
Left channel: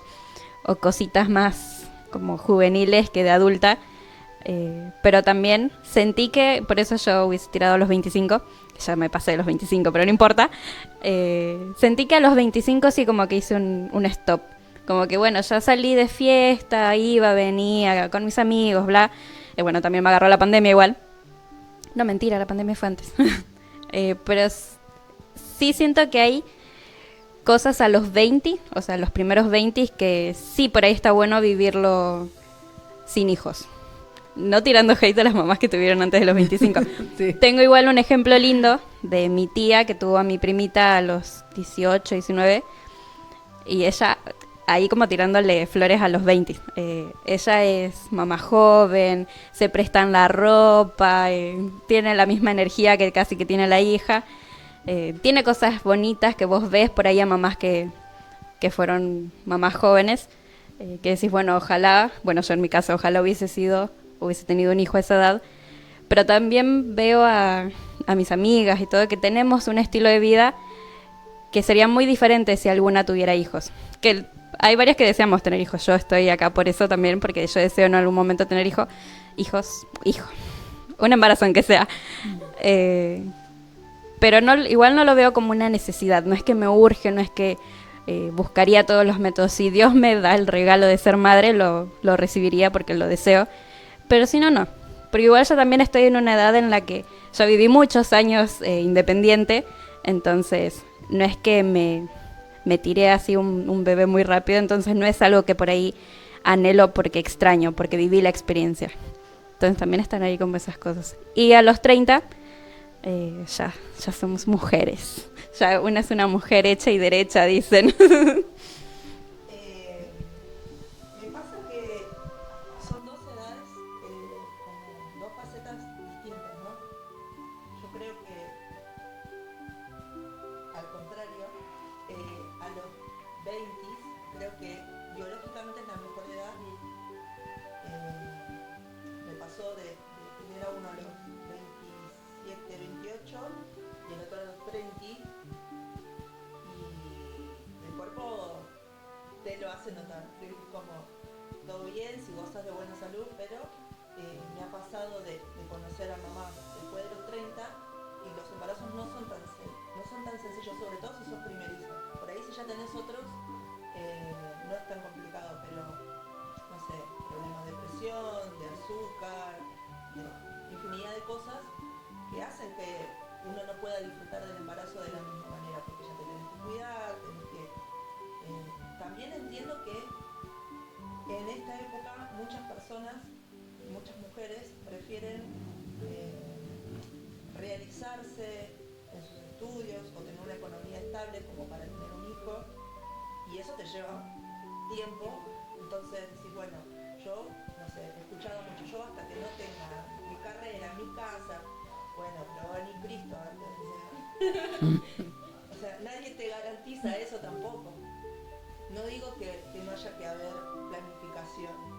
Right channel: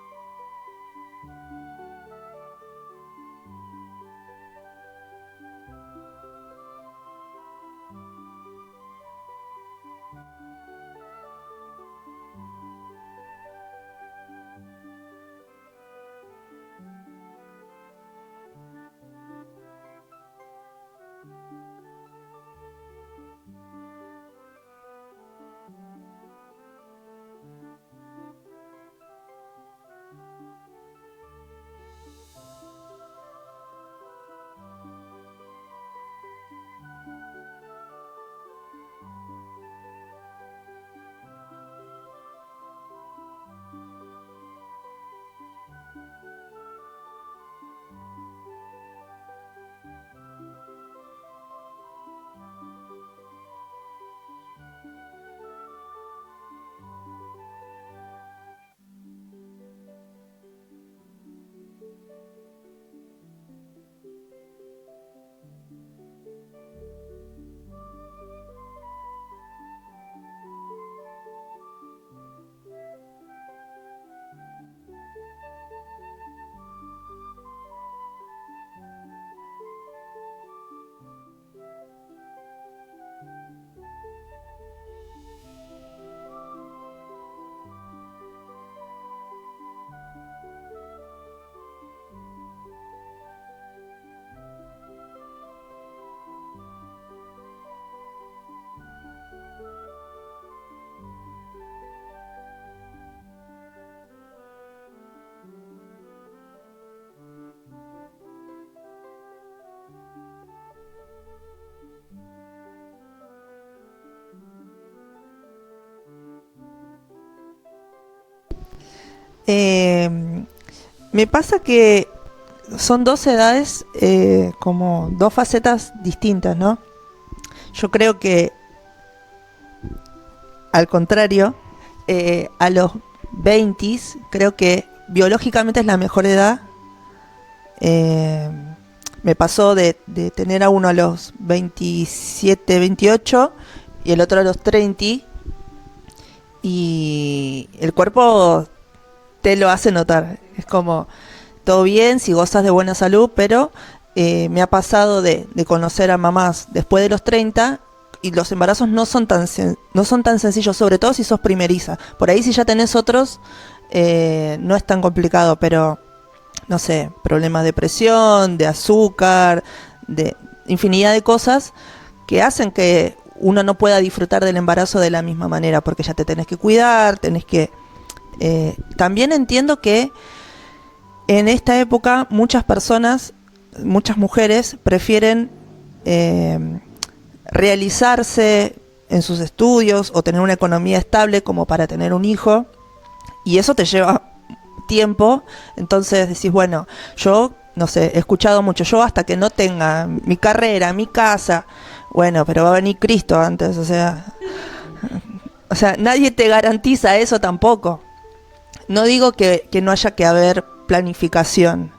cositas más como juveniles que de adulta. Pero también sentí que, por eso yo hubiese tirado a los 25, ya me pasé de los 25, pero no importa. Sentí que a los 25 sí como que hice un stop. Como que bueno, ya salí de fiesta, iba, venía con mis amigos, bla. Bueno, también me agarró la pandemia igual. No, mentira, la pandemia fue antes. Pero sí siento que hay cosas a los 20, o sea, los primeros 20, que sí, por ahí está bueno vivirlo sin hijos. No tirando hate a las mamás que tuvieron antes de los 25. Sí. Tengo igual un ejemplo lindo de mi tía que tuvo a mi primita a los 18, 19. Y ella, ahí como tirándole flores a los 20. Ella es mamá joven, se prestan la ropa, tiene la misma energía que casi que tiene la hija. Tiene cosas bonitas que vos ves por ahí a mamás que fueron mamás jóvenes. Que decís, bueno, ojalá, bueno, yo en mi caso, ojalá hubiese tenido un hijo a esa edad, pero también veo a mis amigas y todo que tenemos un estilo de vida que sería muy diferente si alguna tuviera hijos. Que hay varias que deseamos tener hijos, yo estoy acá por eso también, porque yo deseo en algún momento tener hijos, un embarazo aunque sea. Pero no, igual no lo veo como una necesidad, no es que me urge, no es que buscaría todos los métodos. Si Dios me da el regalo de ser madre, lo recibiría porque lo deseo. Pero si no, no. Porque igual yo también estoy en una edad en la que yo viví muchos años independiente, entonces no es que me tiré así un bebé muy rápido, entonces no es algo que por ahí anhelo porque extraño, porque viví la experiencia. Entonces también están ahí como esas cosas. Y a los 30 ya somos mujeres. Ya una es una mujer hecha y derecha, dicen. Me pasa que son dos edades, como dos facetas distintas, ¿no? Yo creo que, al contrario, a los 20, creo que biológicamente es la mejor edad. Me pasó de tener a uno a los 27, 28 y el otro a los 30, y el cuerpo te lo hace notar. Es como, todo bien si gozas de buena salud, pero me ha pasado de conocer a mamás después de los 30 y los embarazos no son tan sencillos, sobre todo si sos primeriza. Por ahí si ya tenés otros, no es tan complicado, pero no sé, problemas de presión, de azúcar, de infinidad de cosas que hacen que uno no pueda disfrutar del embarazo de la misma manera, porque ya te tenés que cuidar, tenés que... también entiendo que en esta época muchas personas, muchas mujeres prefieren realizarse en sus estudios o tener una economía estable como para tener un hijo, y eso te lleva tiempo. Entonces decís, bueno, yo no sé, he escuchado mucho, yo hasta que no tenga mi carrera, mi casa, bueno, pero va a venir Cristo antes, o sea, nadie te garantiza eso tampoco. No digo que no haya que haber planificación,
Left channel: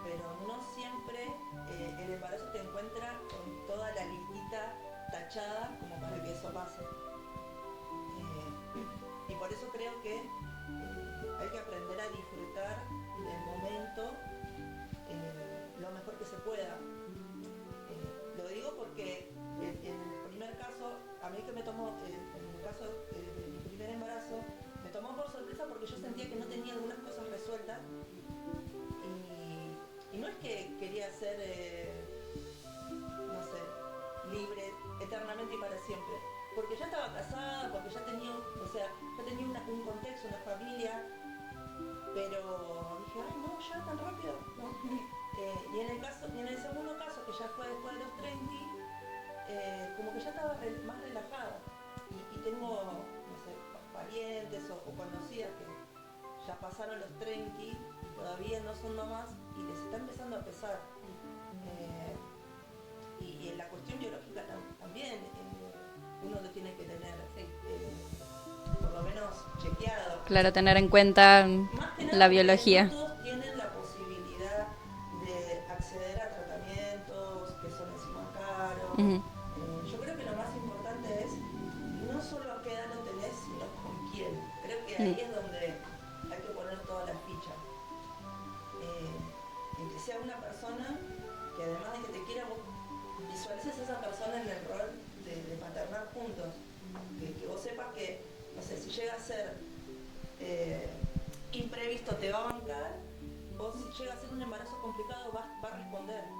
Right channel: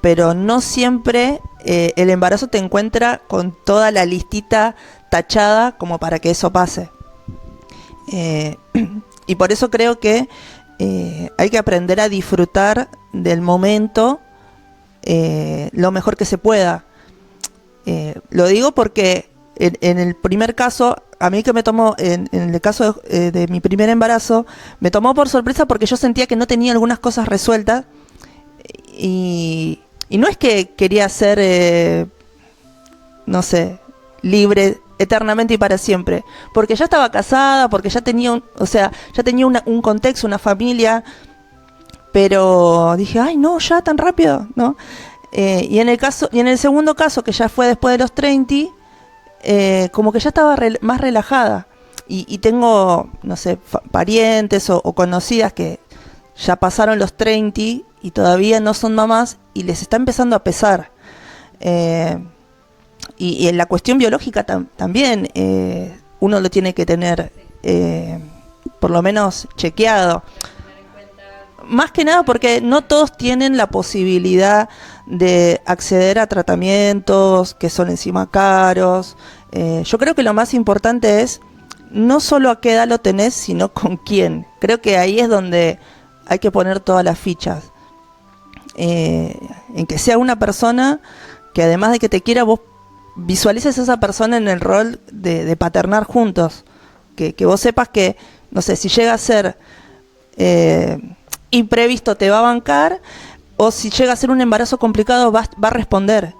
pero no siempre el embarazo te encuentra con toda la listita tachada como para que eso pase. Y por eso creo que hay que aprender a disfrutar del momento lo mejor que se pueda. Lo digo porque en el primer caso, a mí que me tomó, en el caso de mi primer embarazo, me tomó por sorpresa porque yo sentía que no tenía algunas cosas resueltas, y no es que quería ser, no sé, libre eternamente y para siempre, porque ya estaba casada, porque ya tenía un contexto, una familia, pero dije, ay no, ya tan rápido, ¿no? Y en el segundo caso, que ya fue después de los 30, como que ya estaba más relajada, y tengo, no sé, parientes o conocidas que ya pasaron los 30 y todavía no son mamás y les está empezando a pesar. Y en la cuestión biológica también uno lo tiene que tener por lo menos chequeado. Claro, tener en cuenta. Más que nada porque biología. No todos tienen la posibilidad de acceder a tratamientos que son encima caros. Yo creo que lo más importante es no solo a qué edad lo tenés, sino con quién. Creo que ahí es donde hay que poner todas las fichas. en que sea una persona que además de que te quiera, vos visualices a esa persona en el rol de paternar juntos. Que vos sepas que, no sé, si llega a ser imprevisto te va a bancar, o si llega a ser un embarazo complicado va a responder.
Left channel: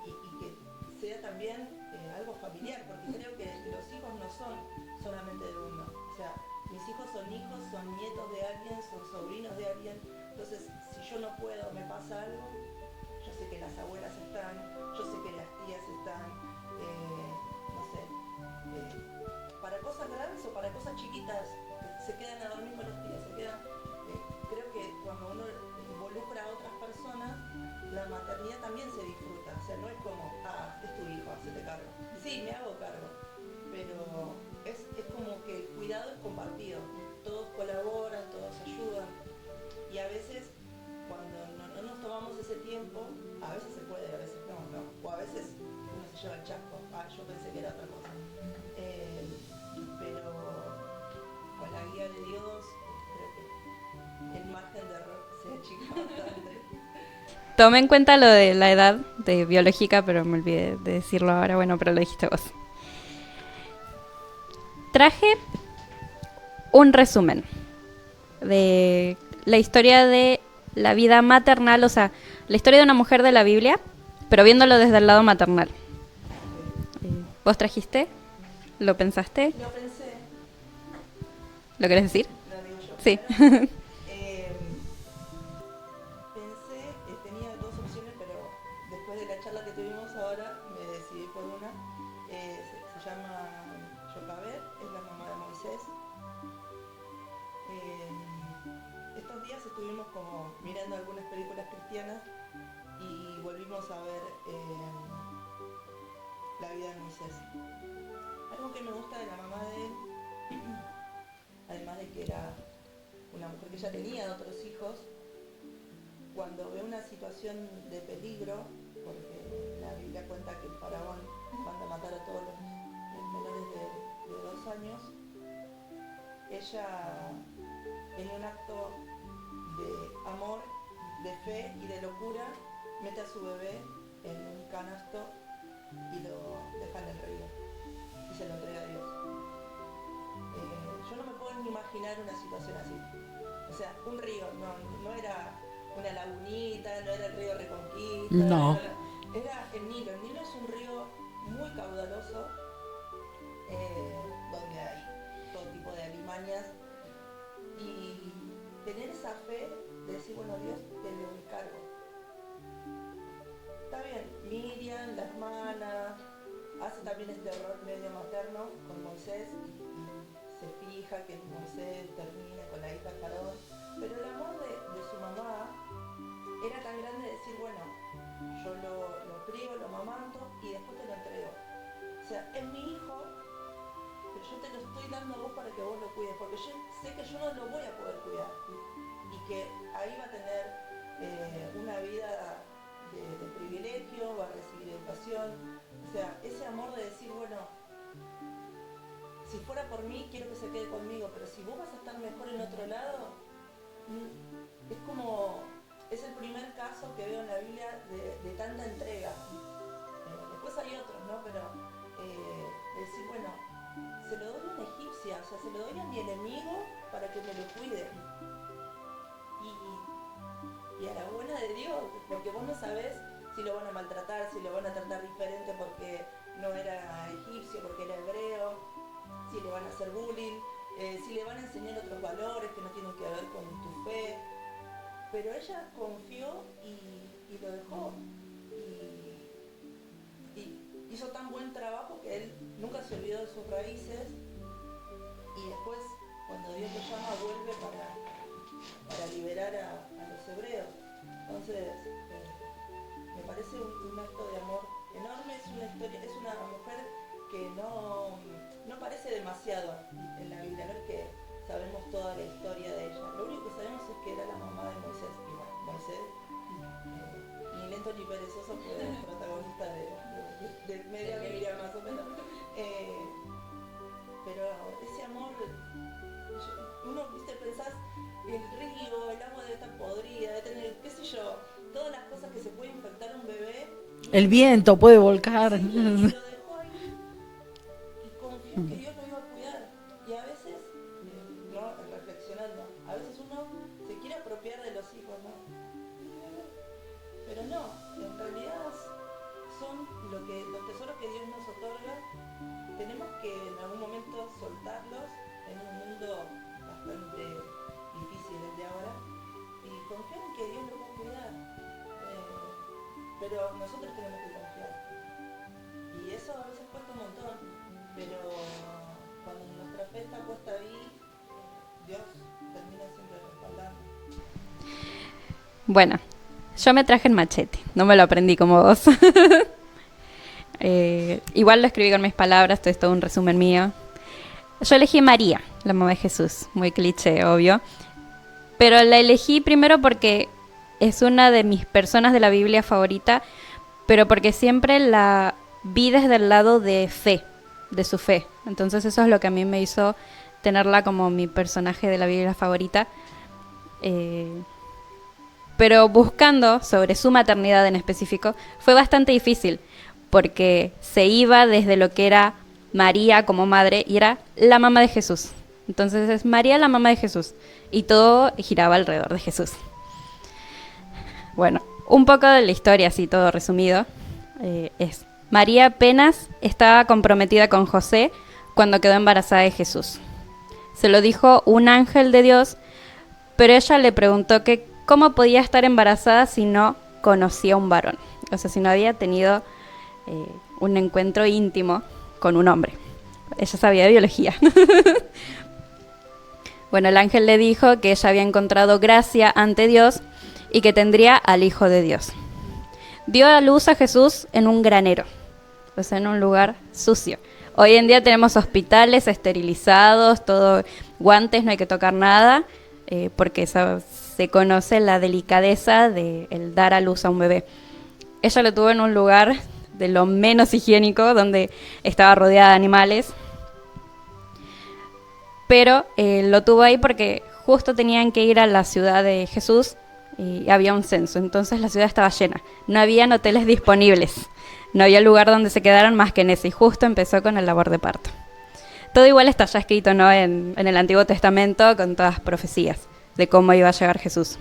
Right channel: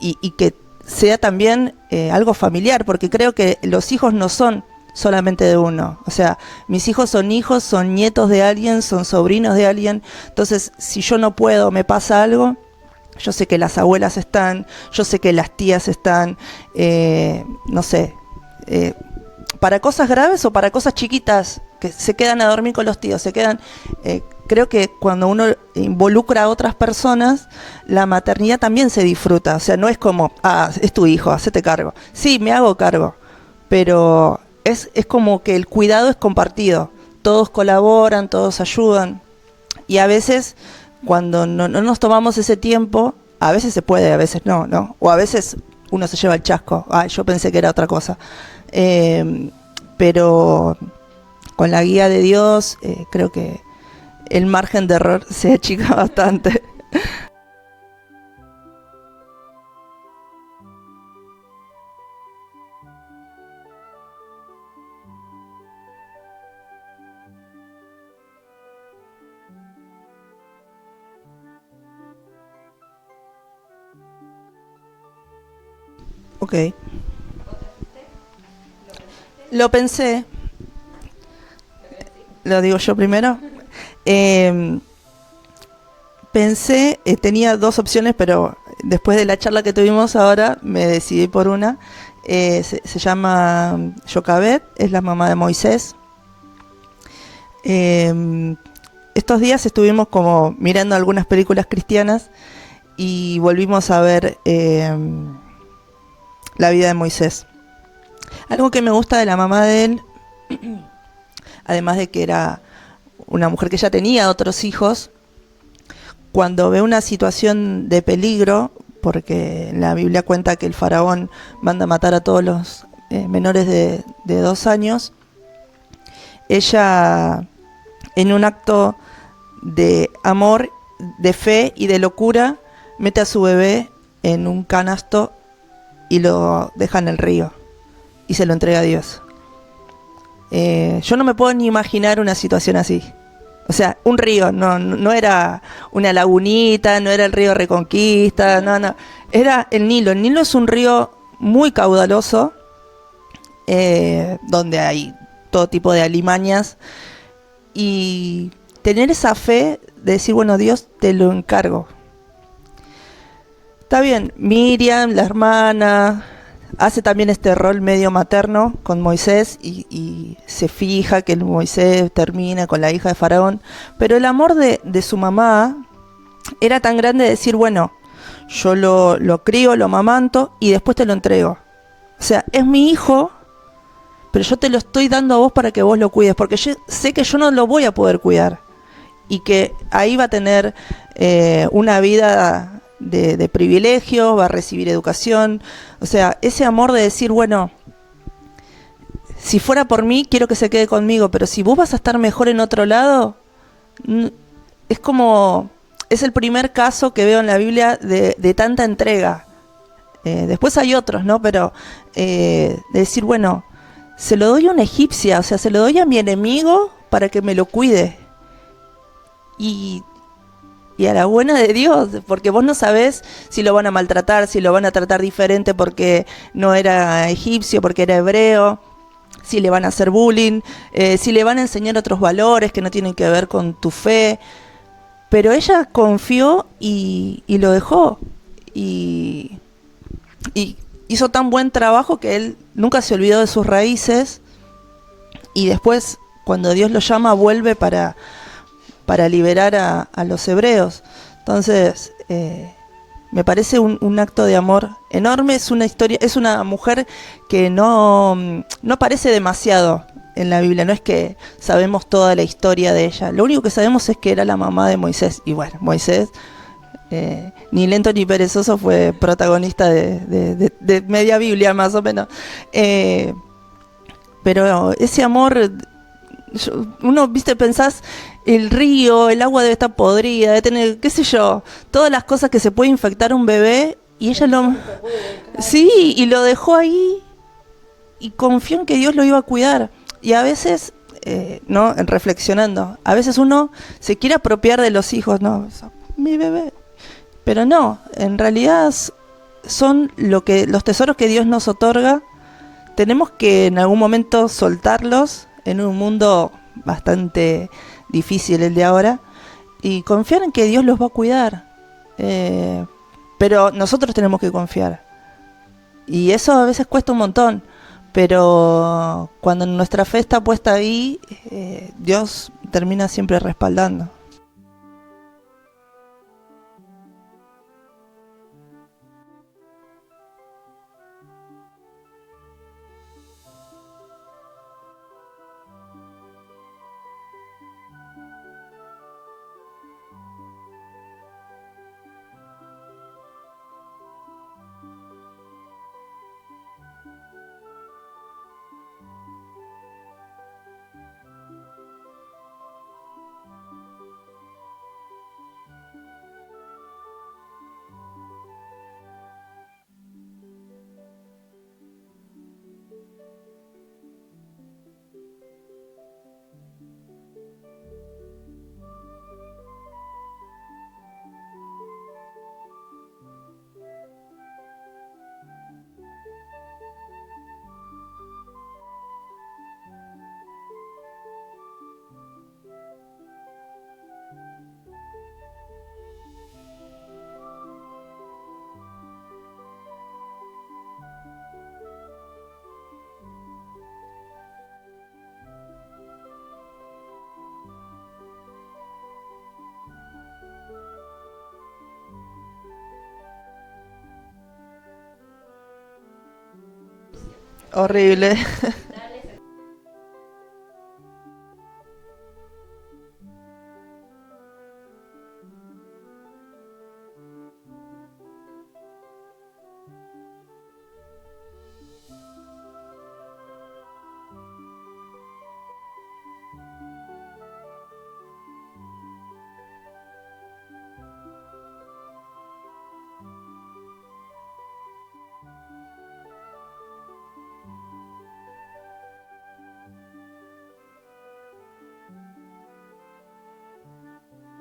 Y que sea también algo familiar, porque creo que los hijos no son solamente de uno. O sea, mis hijos, son nietos de alguien, son sobrinos de alguien. Entonces, si yo no puedo, me pasa algo, yo sé que las abuelas están, yo sé que las tías están, no sé, para cosas graves o para cosas chiquitas, que se quedan a dormir con los tíos, se quedan... creo que cuando uno involucra a otras personas, la maternidad también se disfruta. O sea, no es como, es tu hijo, hacete cargo. Sí, me hago cargo, pero es como que el cuidado es compartido. Todos colaboran, todos ayudan. Y a veces, cuando no nos tomamos ese tiempo, a veces se puede, a veces no. O a veces uno se lleva el chasco. Yo pensé que era otra cosa. Pero con la guía de Dios, creo que el margen de error se achica bastante. Tomé en cuenta lo de la edad de biológica, pero me olvidé de decirlo ahora. Bueno, pero lo dijiste vos. Traje un resumen de la historia de la vida maternal, o sea, la historia de una mujer de la Biblia, pero viéndolo desde el lado maternal. Ok. ¿Vos trajiste? ¿Lo pensaste? Lo pensé. ¿Lo querés decir? ¿Lo digo yo primero? Sí. Pensé, tenía dos opciones, pero después de la charla que tuvimos ahora, me decidí por una. Se llama Jochebed, es la mamá de Moisés. Estos días estuvimos como mirando algunas películas cristianas y volvimos a ver la vida de Moisés. Algo que me gusta de la mamá de él, además de que era una mujer que ya tenía otros hijos, cuando ve una situación de peligro, porque la Biblia cuenta que el faraón manda matar a todos los menores de 2 años, ella, en un acto de amor, de fe y de locura, mete a su bebé en un canasto y lo deja en el río y se lo entrega a Dios. Yo no me puedo ni imaginar una situación así. O sea, un río, no era una lagunita, no era el río Reconquista, no. Era el Nilo. El Nilo es un río muy caudaloso, donde hay todo tipo de alimañas. Y tener esa fe de decir, bueno, Dios, te lo encargo. Está bien, Miriam, la hermana, hace también este rol medio materno con Moisés y se fija que Moisés termina con la hija de Faraón, pero el amor de su mamá era tan grande de decir, bueno, yo lo crío, lo amamanto y después te lo entrego. O sea, es mi hijo, pero yo te lo estoy dando a vos para que vos lo cuides, porque yo sé que yo no lo voy a poder cuidar y que ahí va a tener una vida de privilegio, va a recibir educación. O sea, ese amor de decir, bueno, si fuera por mí, quiero que se quede conmigo, pero si vos vas a estar mejor en otro lado, es como, es el primer caso que veo en la Biblia de tanta entrega. Después hay otros, ¿no? Pero de decir, bueno, se lo doy a una egipcia, o sea, se lo doy a mi enemigo para que me lo cuide. Y a la buena de Dios, porque vos no sabés si lo van a maltratar, si lo van a tratar diferente porque no era egipcio, porque era hebreo, si le van a hacer bullying, si le van a enseñar otros valores que no tienen que ver con tu fe. Pero ella confió y lo dejó. Y hizo tan buen trabajo que él nunca se olvidó de sus raíces. Y después, cuando Dios lo llama, vuelve para liberar a los hebreos. Entonces, me parece un acto de amor enorme. Es una historia, es una mujer que no aparece demasiado en la Biblia. No es que sabemos toda la historia de ella. Lo único que sabemos es que era la mamá de Moisés. Y bueno, Moisés, ni lento ni perezoso, fue protagonista de media Biblia, más o menos. Pero ese amor, uno, viste, pensás el río, el agua debe estar podrida, debe tener, qué sé yo, todas las cosas que se puede infectar un bebé, y ella El viento puede volcar. Sí, y lo dejó ahí y confió en que Dios lo iba a cuidar. Y a veces, ¿no? Reflexionando, a veces uno se quiere apropiar de los hijos, ¿no? Mi bebé. Pero no, en realidad son los tesoros que Dios nos otorga. Tenemos que en algún momento soltarlos en un mundo bastante difícil el de ahora y confiar en que Dios los va a cuidar. Pero nosotros tenemos que confiar. Y eso a veces cuesta un montón. Pero cuando nuestra fe está puesta ahí, Dios termina siempre respaldando. Bueno, yo me traje el machete. No me lo aprendí como vos. Igual lo escribí con mis palabras. Esto es todo un resumen mío. Yo elegí María, la mamá de Jesús. Muy cliché, obvio. Pero la elegí primero porque es una de mis personas de la Biblia favorita, pero porque siempre la vi desde el lado de fe, de su fe. Entonces eso es lo que a mí me hizo tenerla como mi personaje de la Biblia favorita. Pero buscando sobre su maternidad en específico, fue bastante difícil, porque se iba desde lo que era María como madre y era la mamá de Jesús. Entonces es María la mamá de Jesús y todo giraba alrededor de Jesús. Bueno, un poco de la historia, así todo resumido, es María apenas estaba comprometida con José cuando quedó embarazada de Jesús. Se lo dijo un ángel de Dios, pero ella le preguntó que cómo podía estar embarazada si no conocía a un varón. O sea, si no había tenido un encuentro íntimo con un hombre. Ella sabía de biología. Bueno, el ángel le dijo que ella había encontrado gracia ante Dios y que tendría al Hijo de Dios. Dio a luz a Jesús en un granero, o sea, en un lugar sucio. Hoy en día tenemos hospitales esterilizados, todo, guantes, no hay que tocar nada, porque eso, se conoce la delicadeza de el dar a luz a un bebé. Ella lo tuvo en un lugar de lo menos higiénico, donde estaba rodeada de animales, pero lo tuvo ahí porque justo tenían que ir a la ciudad de Jesús y había un censo, entonces la ciudad estaba llena, no habían hoteles disponibles, no había lugar donde se quedaran más que en ese, y justo empezó con el labor de parto. Todo igual está ya escrito, ¿no? en el Antiguo Testamento, con todas las profecías de cómo iba a llegar Jesús.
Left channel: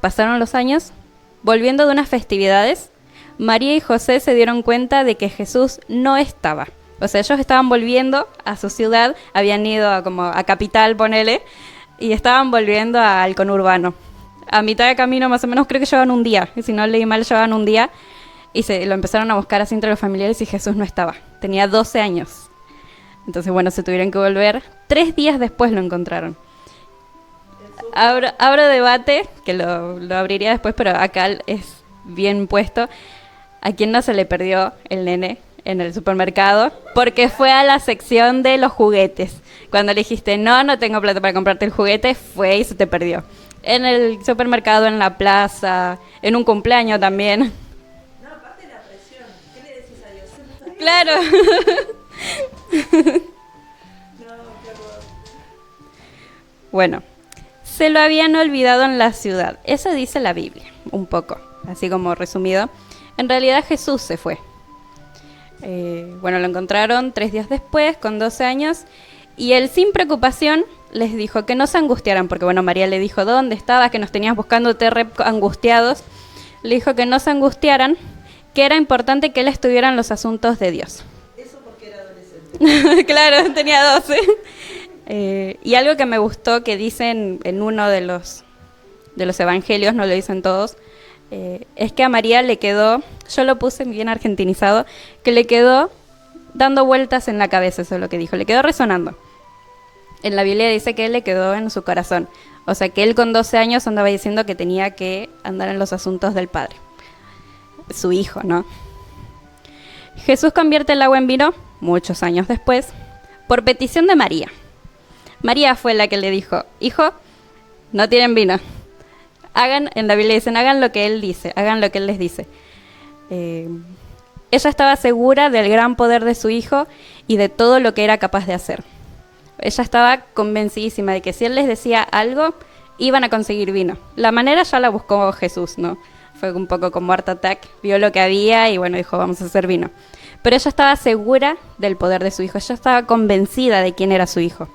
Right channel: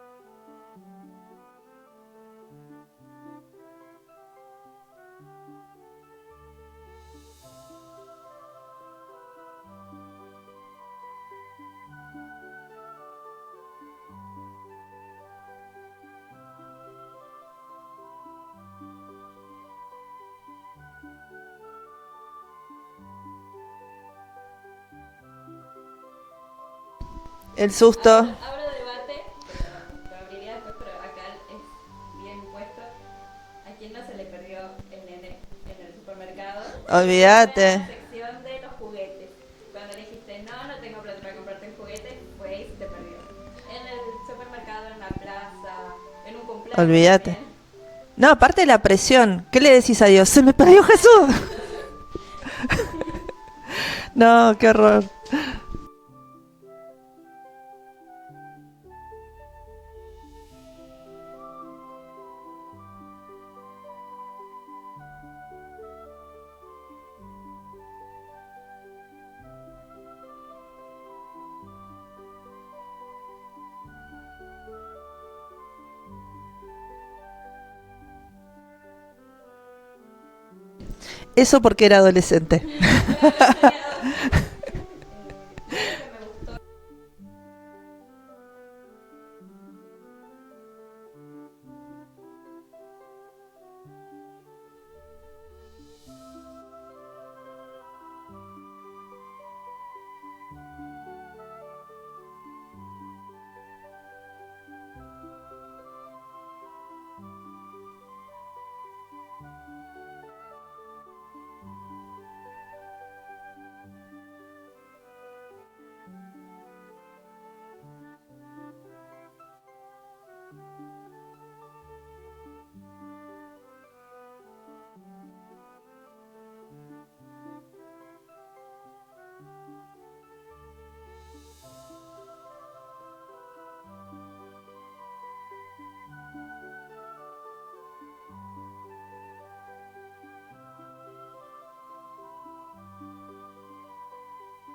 Pasaron los años, volviendo de unas festividades, María y José se dieron cuenta de que Jesús no estaba. O sea, ellos estaban volviendo a su ciudad, habían ido a Capital, ponele, y estaban volviendo al conurbano. A mitad de camino, más o menos, creo que llevaban un día. Y si no leí mal, llevaban un día. Y lo empezaron a buscar así entre los familiares y Jesús no estaba. Tenía 12 años. Entonces, bueno, se tuvieron que volver. 3 días después lo encontraron. El susto. Abro debate, que lo abriría después, pero acá es bien puesto. ¿A quién no se le perdió el nene en el supermercado? Porque Olvídate. fue a la sección de los juguetes. Cuando le dijiste, no tengo plata para comprarte el juguete, fue y se te perdió. En el supermercado, en la plaza, en un cumpleaños Olvídate. también. No, aparte de la presión. ¿Qué le decís a Dios? ¡Se me perdió Claro. Jesús! No, qué horror. Bueno, se lo habían olvidado en la ciudad. Eso dice la Biblia, un poco, así como resumido. En realidad Jesús se fue. Bueno, lo encontraron 3 días después, con 12 años, y él sin preocupación les dijo que no se angustiaran, porque bueno, María le dijo, ¿dónde estabas? Que nos tenías buscándote re angustiados. Le dijo que no se angustiaran, que era importante que él estuviera en los asuntos de Dios. Eso porque era adolescente. Claro, tenía 12. Y algo que me gustó que dicen en uno de los evangelios, no lo dicen todos, es que a María le quedó, yo lo puse bien argentinizado, que le quedó dando vueltas en la cabeza, eso es lo que dijo, le quedó resonando. En la Biblia dice que él le quedó en su corazón, o sea que él con 12 años andaba diciendo que tenía que andar en los asuntos del Padre, su hijo, ¿no? Jesús convierte el agua en vino, muchos años después, por petición de María. María fue la que le dijo, hijo, no tienen vino. En la Biblia dicen, hagan lo que él dice, hagan lo que él les dice. Ella estaba segura del gran poder de su hijo y de todo lo que era capaz de hacer. Ella estaba convencidísima de que si él les decía algo, iban a conseguir vino. La manera ya la buscó Jesús, ¿no? Fue un poco como Art Attack, vio lo que había y bueno, dijo, vamos a hacer vino. Pero ella estaba segura del poder de su hijo, ella estaba convencida de quién era su hijo.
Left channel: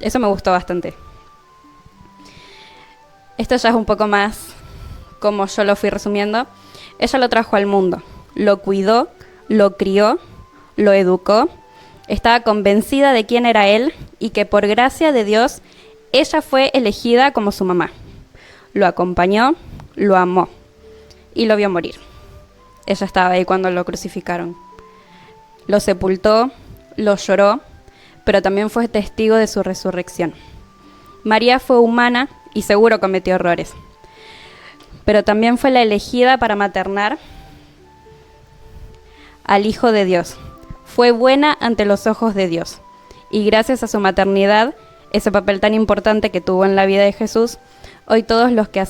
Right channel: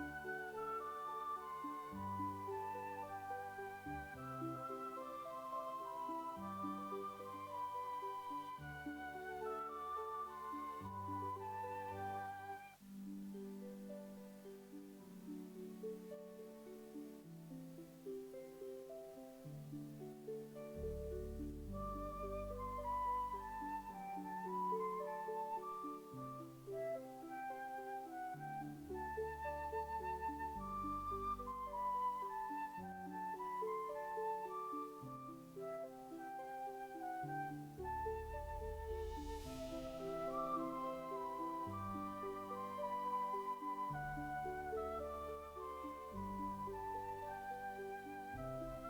Eso me gustó bastante. Esto ya es un poco más como yo lo fui resumiendo. Ella lo trajo al mundo, lo cuidó, lo crió, lo educó. Estaba convencida de quién era él y que por gracia de Dios, ella fue elegida como su mamá. Lo acompañó, lo amó y lo vio morir. Ella estaba ahí cuando lo crucificaron. Lo sepultó, lo lloró, pero también fue testigo de su resurrección. María fue humana y seguro cometió errores, pero también fue la elegida para maternar al Hijo de Dios. Fue buena ante los ojos de Dios. Y gracias a su maternidad, ese papel tan importante que tuvo en la vida de Jesús, hoy todos los que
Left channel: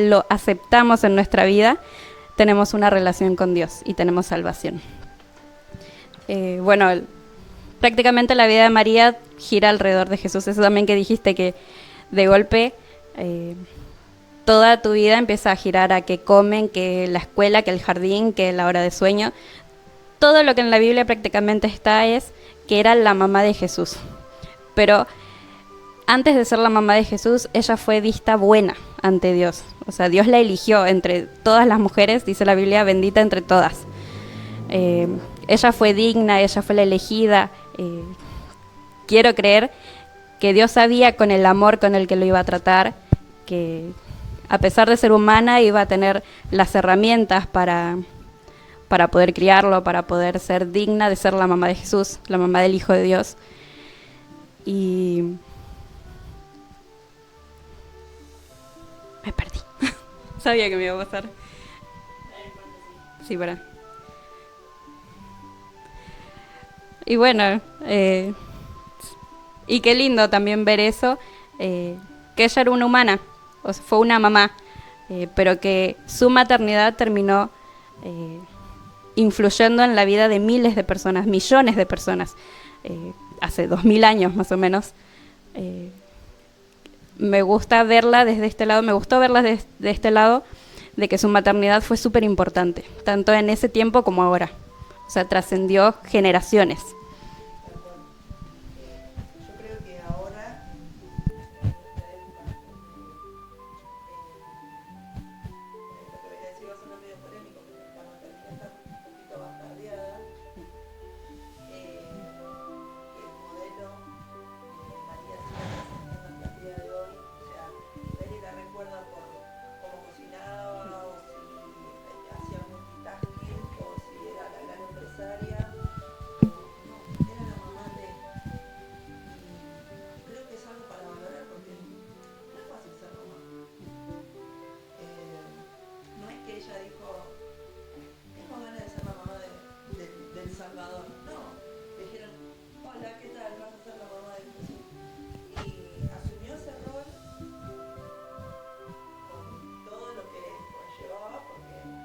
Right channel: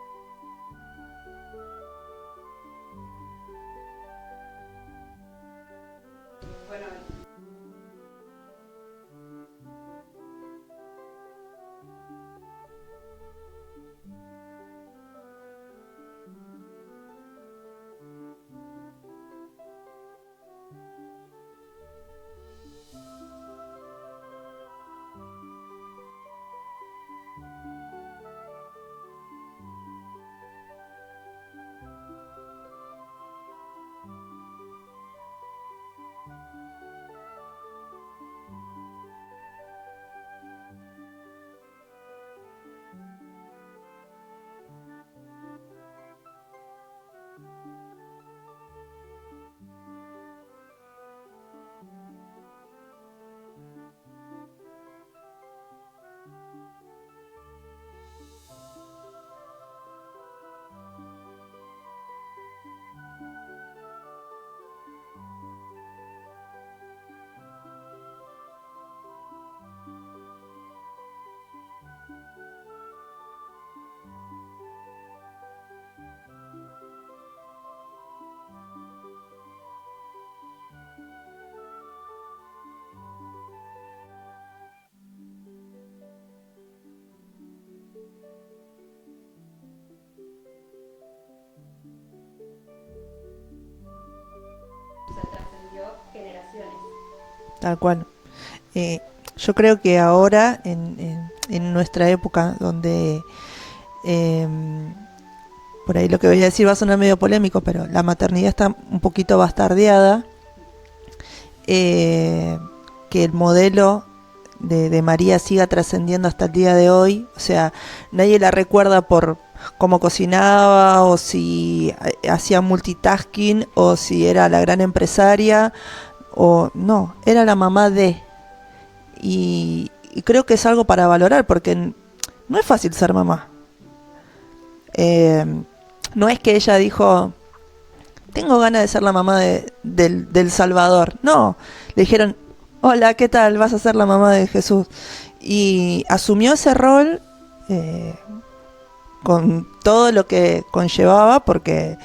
lo aceptamos en nuestra vida, tenemos una relación con Dios y tenemos salvación. Prácticamente la vida de María gira alrededor de Jesús. Eso también que dijiste, que de golpe toda tu vida empieza a girar a que comen, que la escuela, que el jardín, que la hora de sueño. Todo lo que en la Biblia prácticamente está es que era la mamá de Jesús. Pero antes de ser la mamá de Jesús, ella fue vista buena ante Dios. O sea, Dios la eligió entre todas las mujeres, dice la Biblia, bendita entre todas. Ella fue digna, ella fue la elegida. Quiero creer que Dios sabía con el amor con el que lo iba a tratar, que a pesar de ser humana iba a tener las herramientas para poder criarlo, para poder ser digna de ser la mamá de Jesús, la mamá del Hijo de Dios. Y me perdí. Sabía que me iba a pasar. Sí, para. Y bueno, y qué lindo también ver eso, que ella era una humana, o sea, fue una mamá, pero que su maternidad terminó influyendo en la vida de miles de personas, millones de personas, hace 2000 años más o menos. Me gusta verla desde este lado, me gustó verla de este lado, de que su maternidad fue súper importante, tanto en ese tiempo como ahora. O sea, trascendió generaciones. Tal cual. Yo creo que ahora, en nuestra época, donde por ahí lo que voy a decir va a sonar medio polémico, pero la maternidad está un poquito bastardeada, que el modelo de María siga trascendiendo hasta el día de hoy. O sea, nadie la recuerda por cómo cocinaba, o si hacía multitasking, o si era la gran empresaria, o no, era la mamá de. Y creo que es algo para valorar, porque no es fácil ser mamá. No es que ella dijo, tengo ganas de ser la mamá del Salvador. No, le dijeron, hola, ¿qué tal? Vas a ser la mamá de Jesús. Y asumió ese rol con todo lo que conllevaba, porque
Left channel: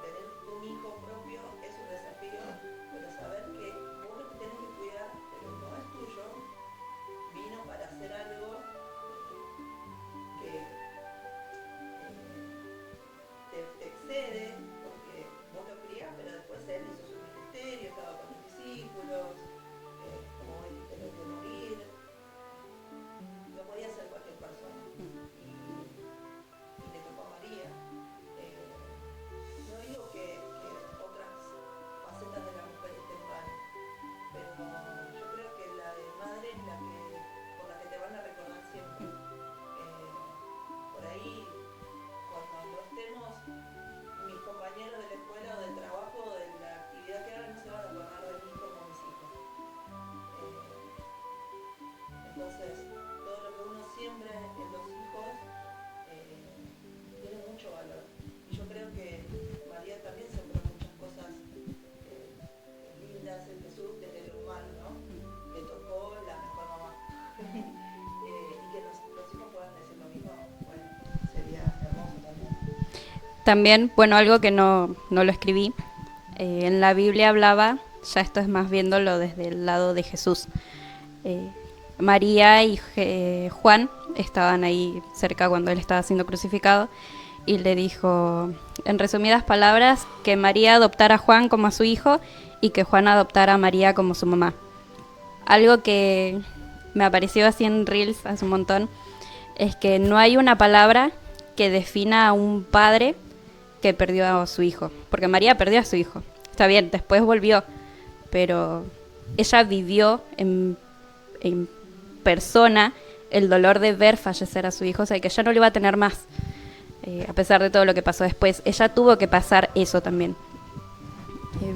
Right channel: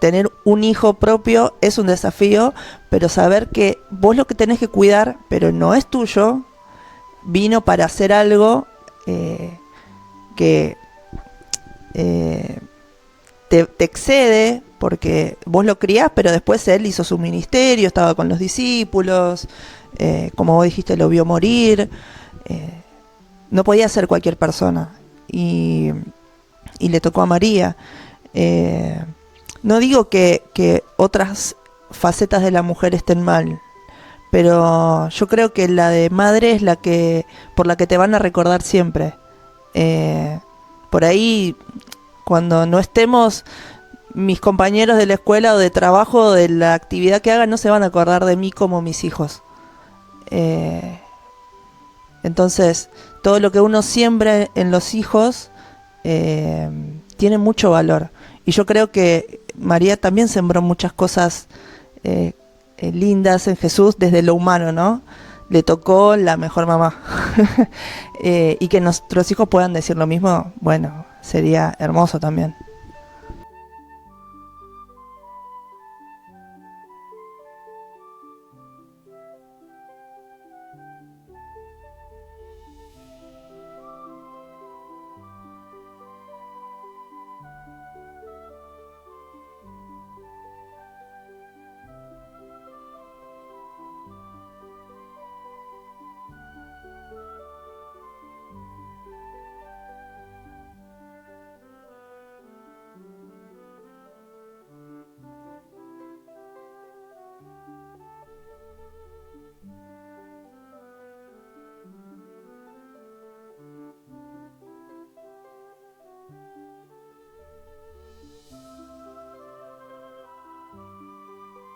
tener un hijo propio es un desafío, pero saber que vos lo que tenés que cuidar, pero no es tuyo, vino para hacer algo que te excede, porque vos lo criás, pero después él hizo su ministerio, estaba con los discípulos, como vos dijiste, lo vio morir, no podía ser cualquier persona, y le tocó a María. No digo que otras facetas de la mujer estén mal, pero yo creo que la de madre es por la que te van a recordar siempre. Por ahí, cuando no estemos, mis compañeros de la escuela o de trabajo o de la actividad que hagan no se van a acordar de mí como mis hijos. Entonces, todo lo que uno siembra en los hijos tiene mucho valor. Y yo creo que María también sembró muchas cosas lindas en Jesús desde lo humano, ¿no? Le tocó la mejor mamá. Y que nuestros hijos puedan decir lo mismo, bueno, sería hermoso también. También, bueno, algo que no lo escribí, en la Biblia hablaba, ya esto es más viéndolo desde el lado de Jesús. María y Juan estaban ahí cerca cuando él estaba siendo crucificado y le dijo, en resumidas palabras, que María adoptara a Juan como a su hijo y que Juan adoptara a María como su mamá. Algo que me apareció así en Reels hace un montón es que no hay una palabra que defina a un padre que perdió a su hijo, porque María perdió a su hijo. Está bien, después volvió, pero ella vivió en persona el dolor de ver fallecer a su hijo, o sea, que ya no lo iba a tener más, a pesar de todo lo que pasó después. Ella tuvo que pasar eso también,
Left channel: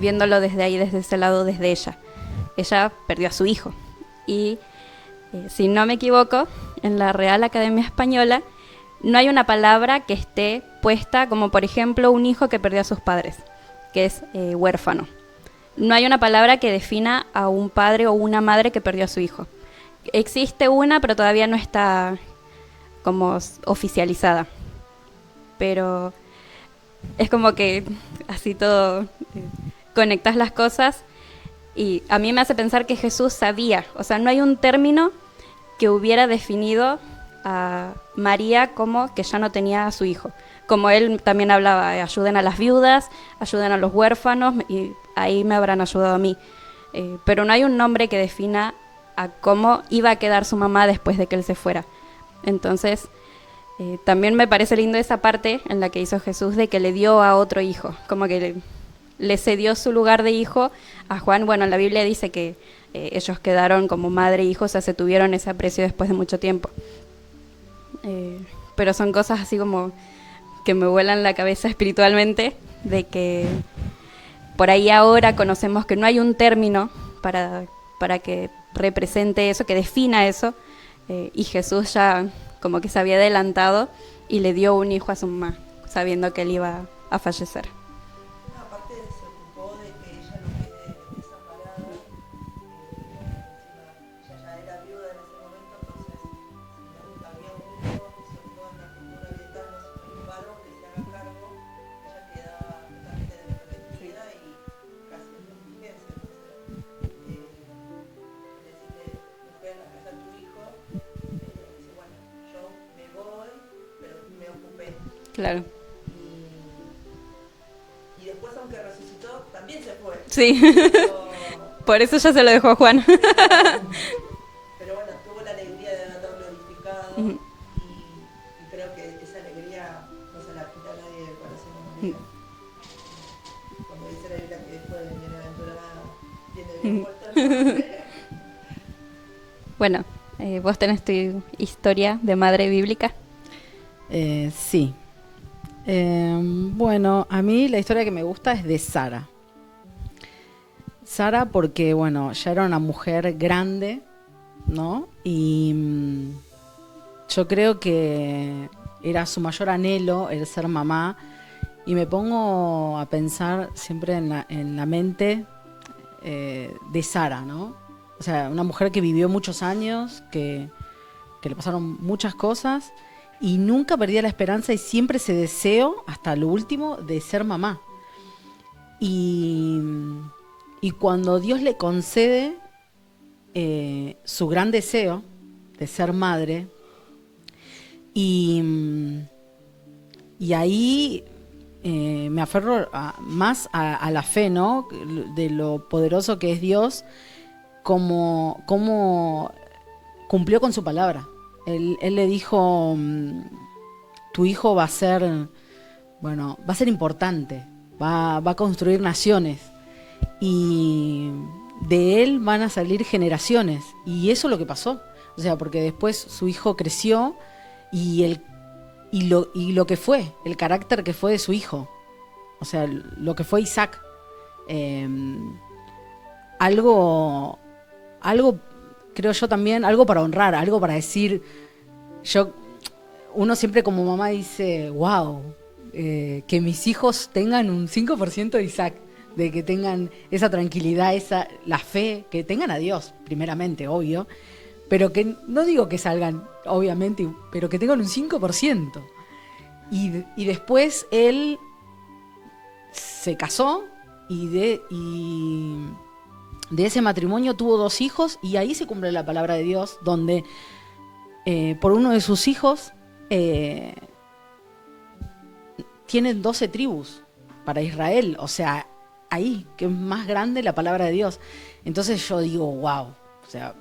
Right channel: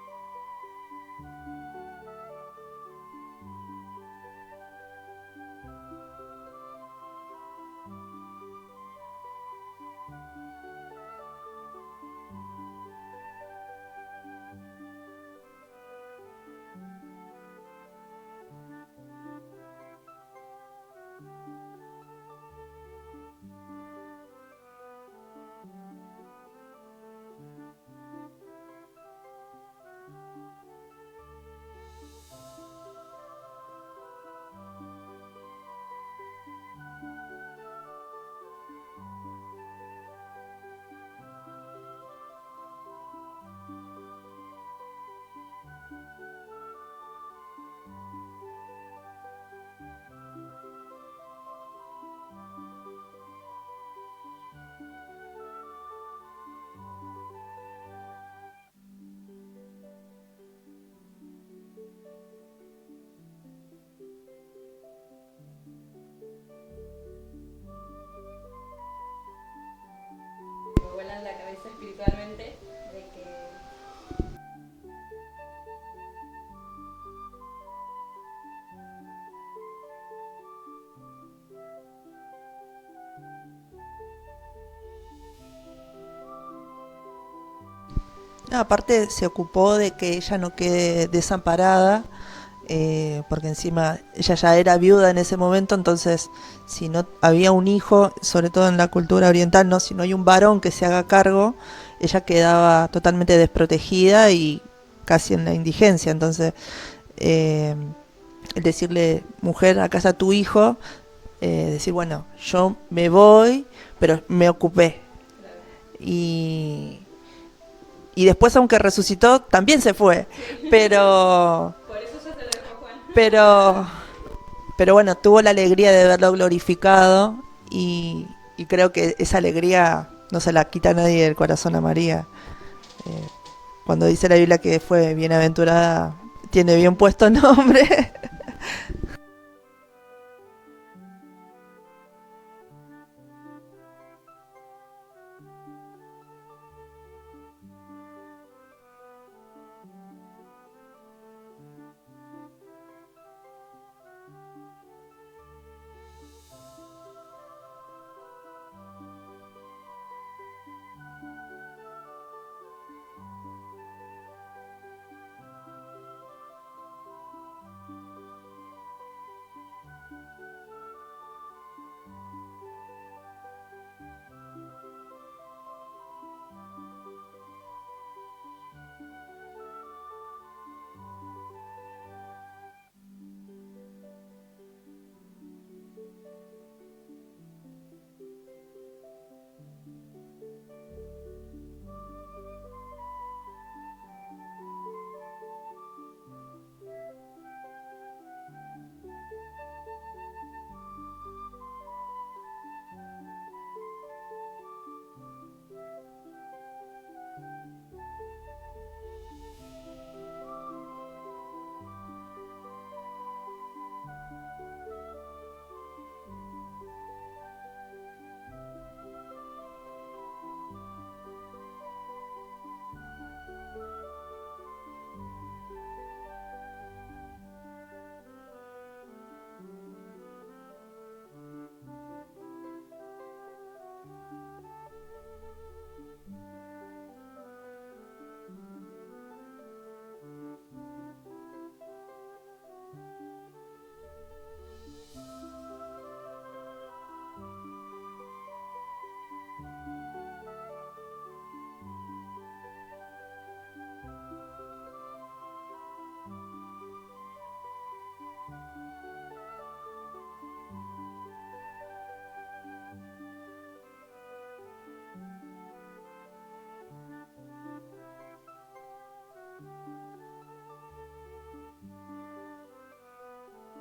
viéndolo desde ahí, desde ese lado, desde ella. Ella perdió a su hijo. Y si no me equivoco, en la Real Academia Española no hay una palabra que esté puesta como, por ejemplo, un hijo que perdió a sus padres, que es huérfano. No hay una palabra que defina a un padre o una madre que perdió a su hijo. Existe una, pero todavía no está como oficializada. Pero es como que así todo conectas las cosas y a mí me hace pensar que Jesús sabía. O sea, no hay un término que hubiera definido a María como que ya no tenía a su hijo. Como él también hablaba, ayuden a las viudas, ayuden a los huérfanos, y ahí me habrán ayudado a mí. Pero no hay un nombre que defina a cómo iba a quedar su mamá después de que él se fuera. Entonces, también me parece lindo esa parte en la que hizo Jesús de que le dio a otro hijo, como que le cedió su lugar de hijo a Juan. Bueno, en la Biblia dice que ellos quedaron como madre e hijo, o sea, se tuvieron ese aprecio después de mucho tiempo. Pero son cosas así como que me vuelan la cabeza espiritualmente, de que por ahí ahora conocemos que no hay un término para que represente eso, que defina eso, y Jesús ya como que se había adelantado y le dio un hijo a su mamá, sabiendo que él iba a fallecer. Aparte se ocupó de que ella no quede desamparada, porque encima ella ya era viuda en ese momento, entonces si no había un hijo, sobre todo en la cultura oriental, no, si no hay un varón que se haga cargo, ella quedaba totalmente desprotegida y casi en la indigencia. Entonces el decirle, mujer, acá está tu hijo, decir, bueno, yo me voy, pero me ocupé. Claro. Y después, aunque resucitó, también se fue. Sí. Pero por eso ya se lo dejó a Juan. pero bueno, tuvo la alegría de verlo glorificado, y creo que esa alegría no se la quita nadie del corazón a María. Cuando dice la Biblia que fue bienaventurada, tiene bien puesto el nombre. Bueno, ¿vos tenés tu historia de madre bíblica? Sí. Bueno, a mí la historia que me gusta es de Sara. Sara porque, bueno, ya era una mujer grande, ¿no? Y yo creo que era su mayor anhelo el ser mamá. Y me pongo a pensar siempre en la mente de Sara, ¿no? O sea, una mujer que vivió muchos años, que le pasaron muchas cosas y nunca perdía la esperanza y siempre ese deseo, hasta lo último, de ser mamá. Y cuando Dios le concede su gran deseo de ser madre, y ahí me aferro más a la fe, ¿no? De lo poderoso que es Dios, como cumplió con su palabra. Él le dijo, tu hijo va a ser importante, va a construir naciones y de él van a salir generaciones. Y eso es lo que pasó. O sea, porque después su hijo creció y lo que fue, el carácter que fue de su hijo. O sea, lo que fue Isaac. Algo creo yo también, algo para honrar, algo para decir. Uno siempre como mamá dice, wow, que mis hijos tengan un 5% de Isaac, de que tengan esa tranquilidad, la fe, que tengan a Dios, primeramente, obvio, pero que no digo que salgan, obviamente, pero que tengan un 5%. y después él se casó y de ese matrimonio tuvo 2 hijos, y ahí se cumple la palabra de Dios, donde por uno de sus hijos tienen 12 tribus para Israel. O sea, ahí, que es más grande la palabra de Dios. Entonces yo digo, wow. O sea,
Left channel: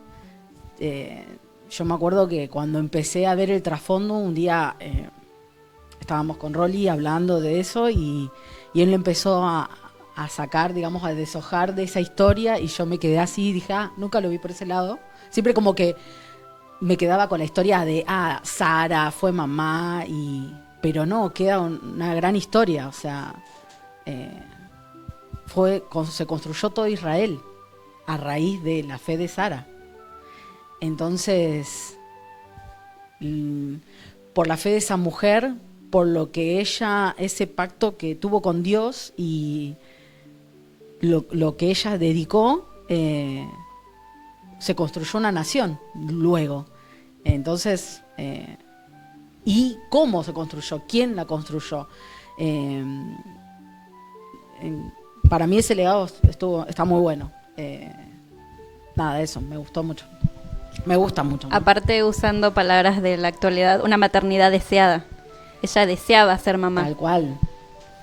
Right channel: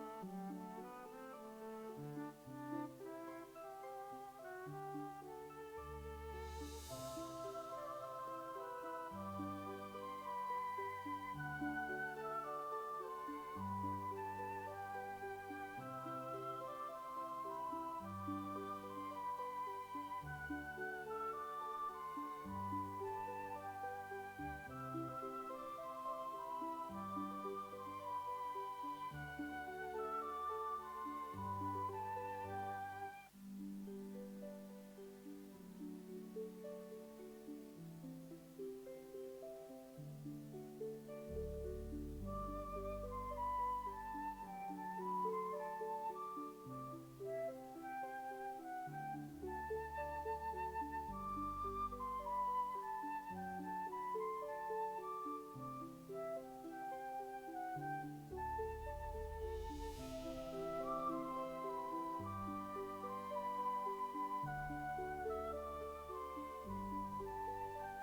yo me acuerdo que cuando empecé a ver el trasfondo, un día estábamos con Rolly hablando de eso, y él empezó a sacar, digamos, a deshojar de esa historia, y yo me quedé así y dije, nunca lo vi por ese lado. Siempre como que me quedaba con la historia de, Sara fue mamá, pero no, queda una gran historia. O sea, se construyó todo Israel a raíz de la fe de Sara. Entonces, por la fe de esa mujer, por lo que ella, ese pacto que tuvo con Dios y lo que ella dedicó, se construyó una nación luego. Entonces, ¿y cómo se construyó? ¿Quién la construyó? Para mí ese legado está muy bueno. Nada, eso, me gustó mucho. Me gusta mucho. Aparte, usando palabras de la actualidad, una maternidad deseada. Ella deseaba ser mamá. Tal cual,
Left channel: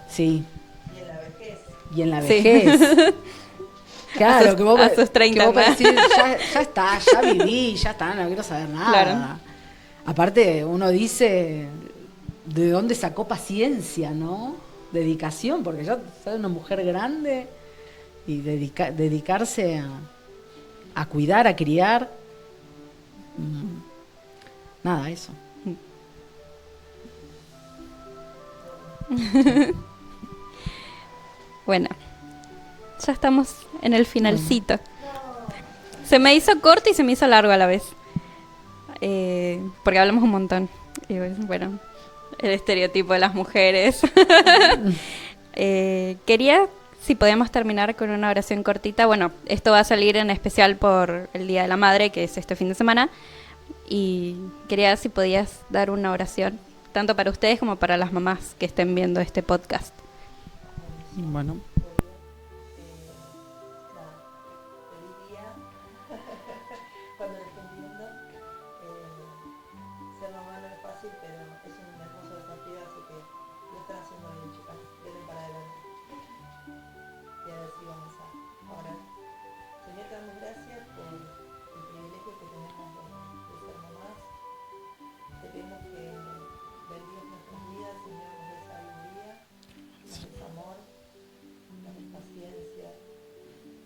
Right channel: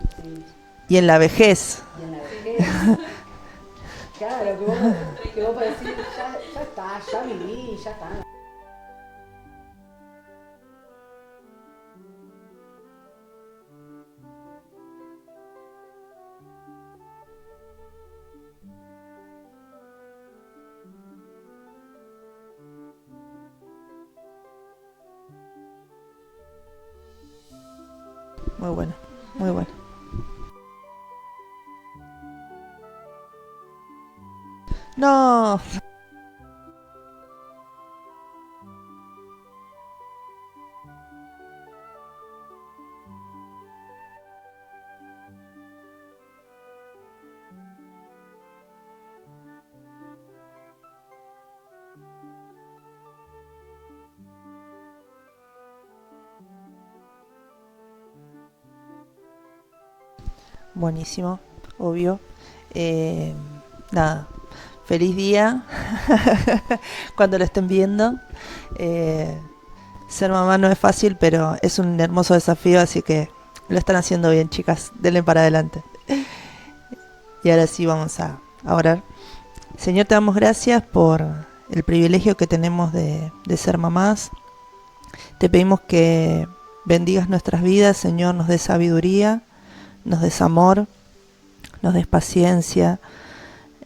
sí. Y en la vejez. Y en la vejez. Sí. Claro, que vos, a sus 30 que vos decís, ya está, ya viví, ya está, no quiero saber nada. Claro. Aparte, uno dice, ¿de dónde sacó paciencia, no? Dedicación, porque ya es una mujer grande, y dedicarse a cuidar, a criar. Nada, eso. Muy bueno. Bueno, ya estamos en el finalcito. No. Se me hizo corto y se me hizo largo a la vez. Porque hablamos un montón. Y bueno, el estereotipo de las mujeres. Quería, si podíamos terminar con una oración cortita. Bueno, esto va a salir en especial por el Día de la Madre, que es este fin de semana. Y quería, si podías dar una oración, tanto para ustedes como para las mamás que estén viendo este podcast. Buenísimo, bueno. Obvio. Nada, feliz día cuando lo estén viendo. Ser mamá no es fácil, pero es un hermoso desafío, así que lo están haciendo bien, chicas. Denle para adelante. Y ahora sí vamos a orar. Señor, te damos gracias por el privilegio que tenemos de ser mamás. Te pedimos que bendigas nuestras vidas, Señor, nos des sabiduría, nos des amor, nos des paciencia,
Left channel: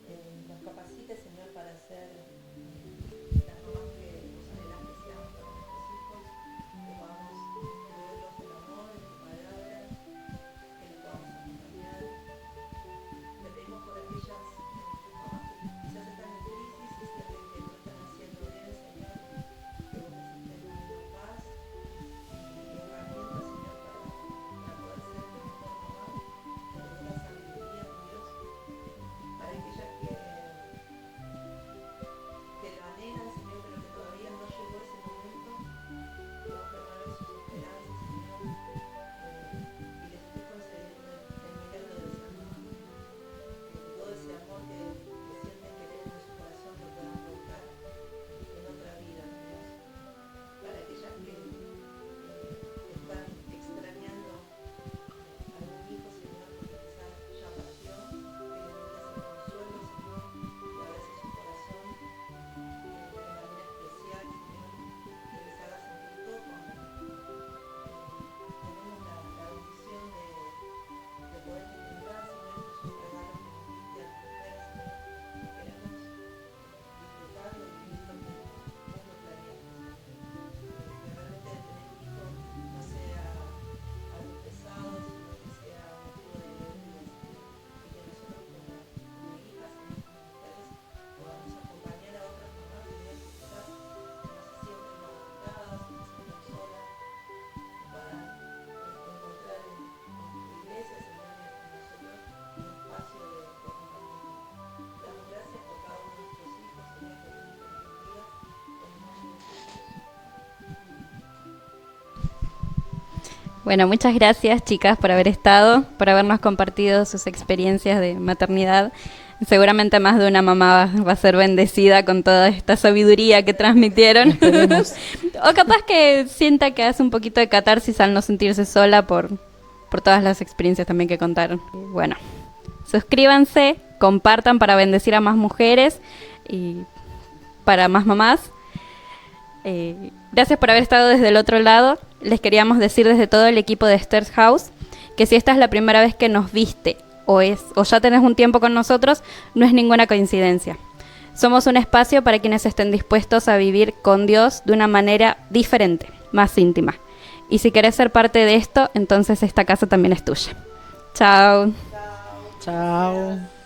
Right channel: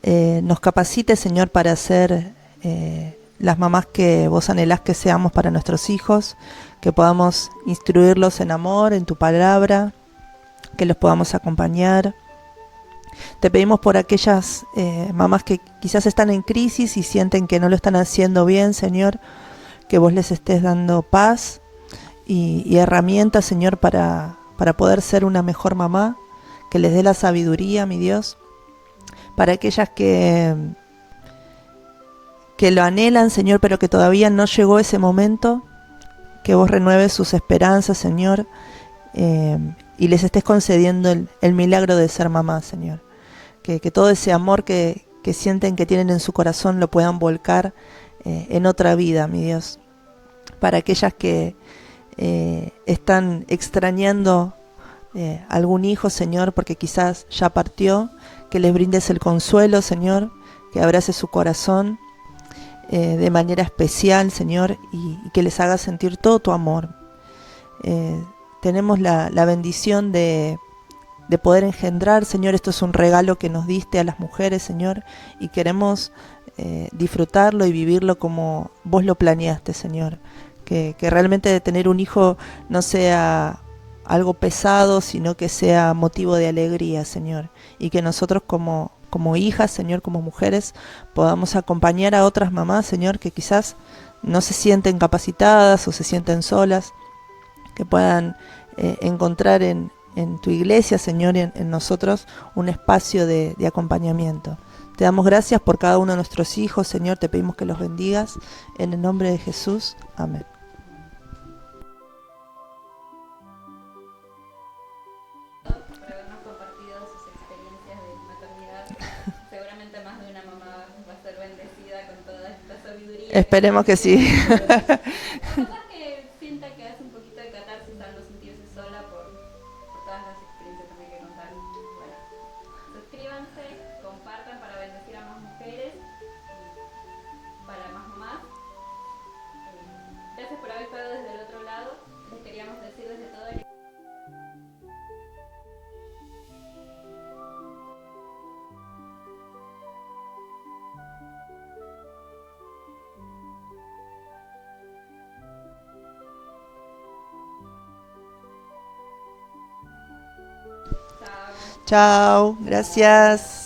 nos capacites, Señor, para ser las mamás que vos anhelás que seamos para nuestros hijos, que podamos instruirlos en amor, en tu palabra, que los podamos acompañar. Te pedimos por aquellas mamás que quizás están en crisis y sienten que no lo están haciendo bien, Señor, que vos les estés dando paz y herramientas, Señor, para poder ser una mejor mamá, que les dé la sabiduría, mi Dios, para aquellas que lo anhelan, Señor, pero que todavía no llegó ese momento, que vos renueves sus esperanzas, Señor, y les estés concediendo el milagro de ser mamá, Señor. Que todo ese amor que sienten que tienen en su corazón lo puedan volcar en otra vida, mi Dios. Para aquellas que están extrañando algún hijo, Señor, porque quizás ya partió, que les brindes el consuelo, Señor, que abrace su corazón de manera especial, Señor, y que les haga sentir todo tu amor. Tenemos la bendición de poder engendrar, Señor. Esto es un regalo que nos diste a las mujeres, Señor, y queremos disfrutarlo y vivirlo como vos lo planeaste, Señor. Que realmente tener un hijo no sea algo pesado, sino que sea motivo de alegría, Señor. Y que nosotros como hijas, Señor, como mujeres, podamos acompañar a otras mamás, Señor, que quizás no se sienten capacitadas o se sienten solas, que puedan encontrar en tu iglesia, Señor, en nosotros un espacio de acompañamiento. Te damos gracias por cada uno de nuestros hijos, Señor, te pedimos que los bendigas, en el nombre de Jesús, amén. Bueno, muchas gracias, chicas, por haber estado, por habernos compartido sus experiencias de maternidad. Seguramente más de una mamá va a ser bendecida con toda esta sabiduría Esperemos que que transmitieron. sí. O capaz que sienta que hace un poquito de catarsis al no sentirse sola por todas las experiencias también que contaron. Bueno, suscríbanse, compartan para bendecir a más mujeres y para más mamás. Gracias por haber estado desde el otro lado. Les queríamos decir desde todo el equipo de Esther's House que si esta es la primera vez que nos viste o ya tenés un tiempo con nosotros, no es ninguna coincidencia. Somos un espacio para quienes estén dispuestos a vivir con Dios de una manera diferente, más íntima. Y si querés ser parte de esto, entonces esta casa también es tuya. Chao. Chao, gracias.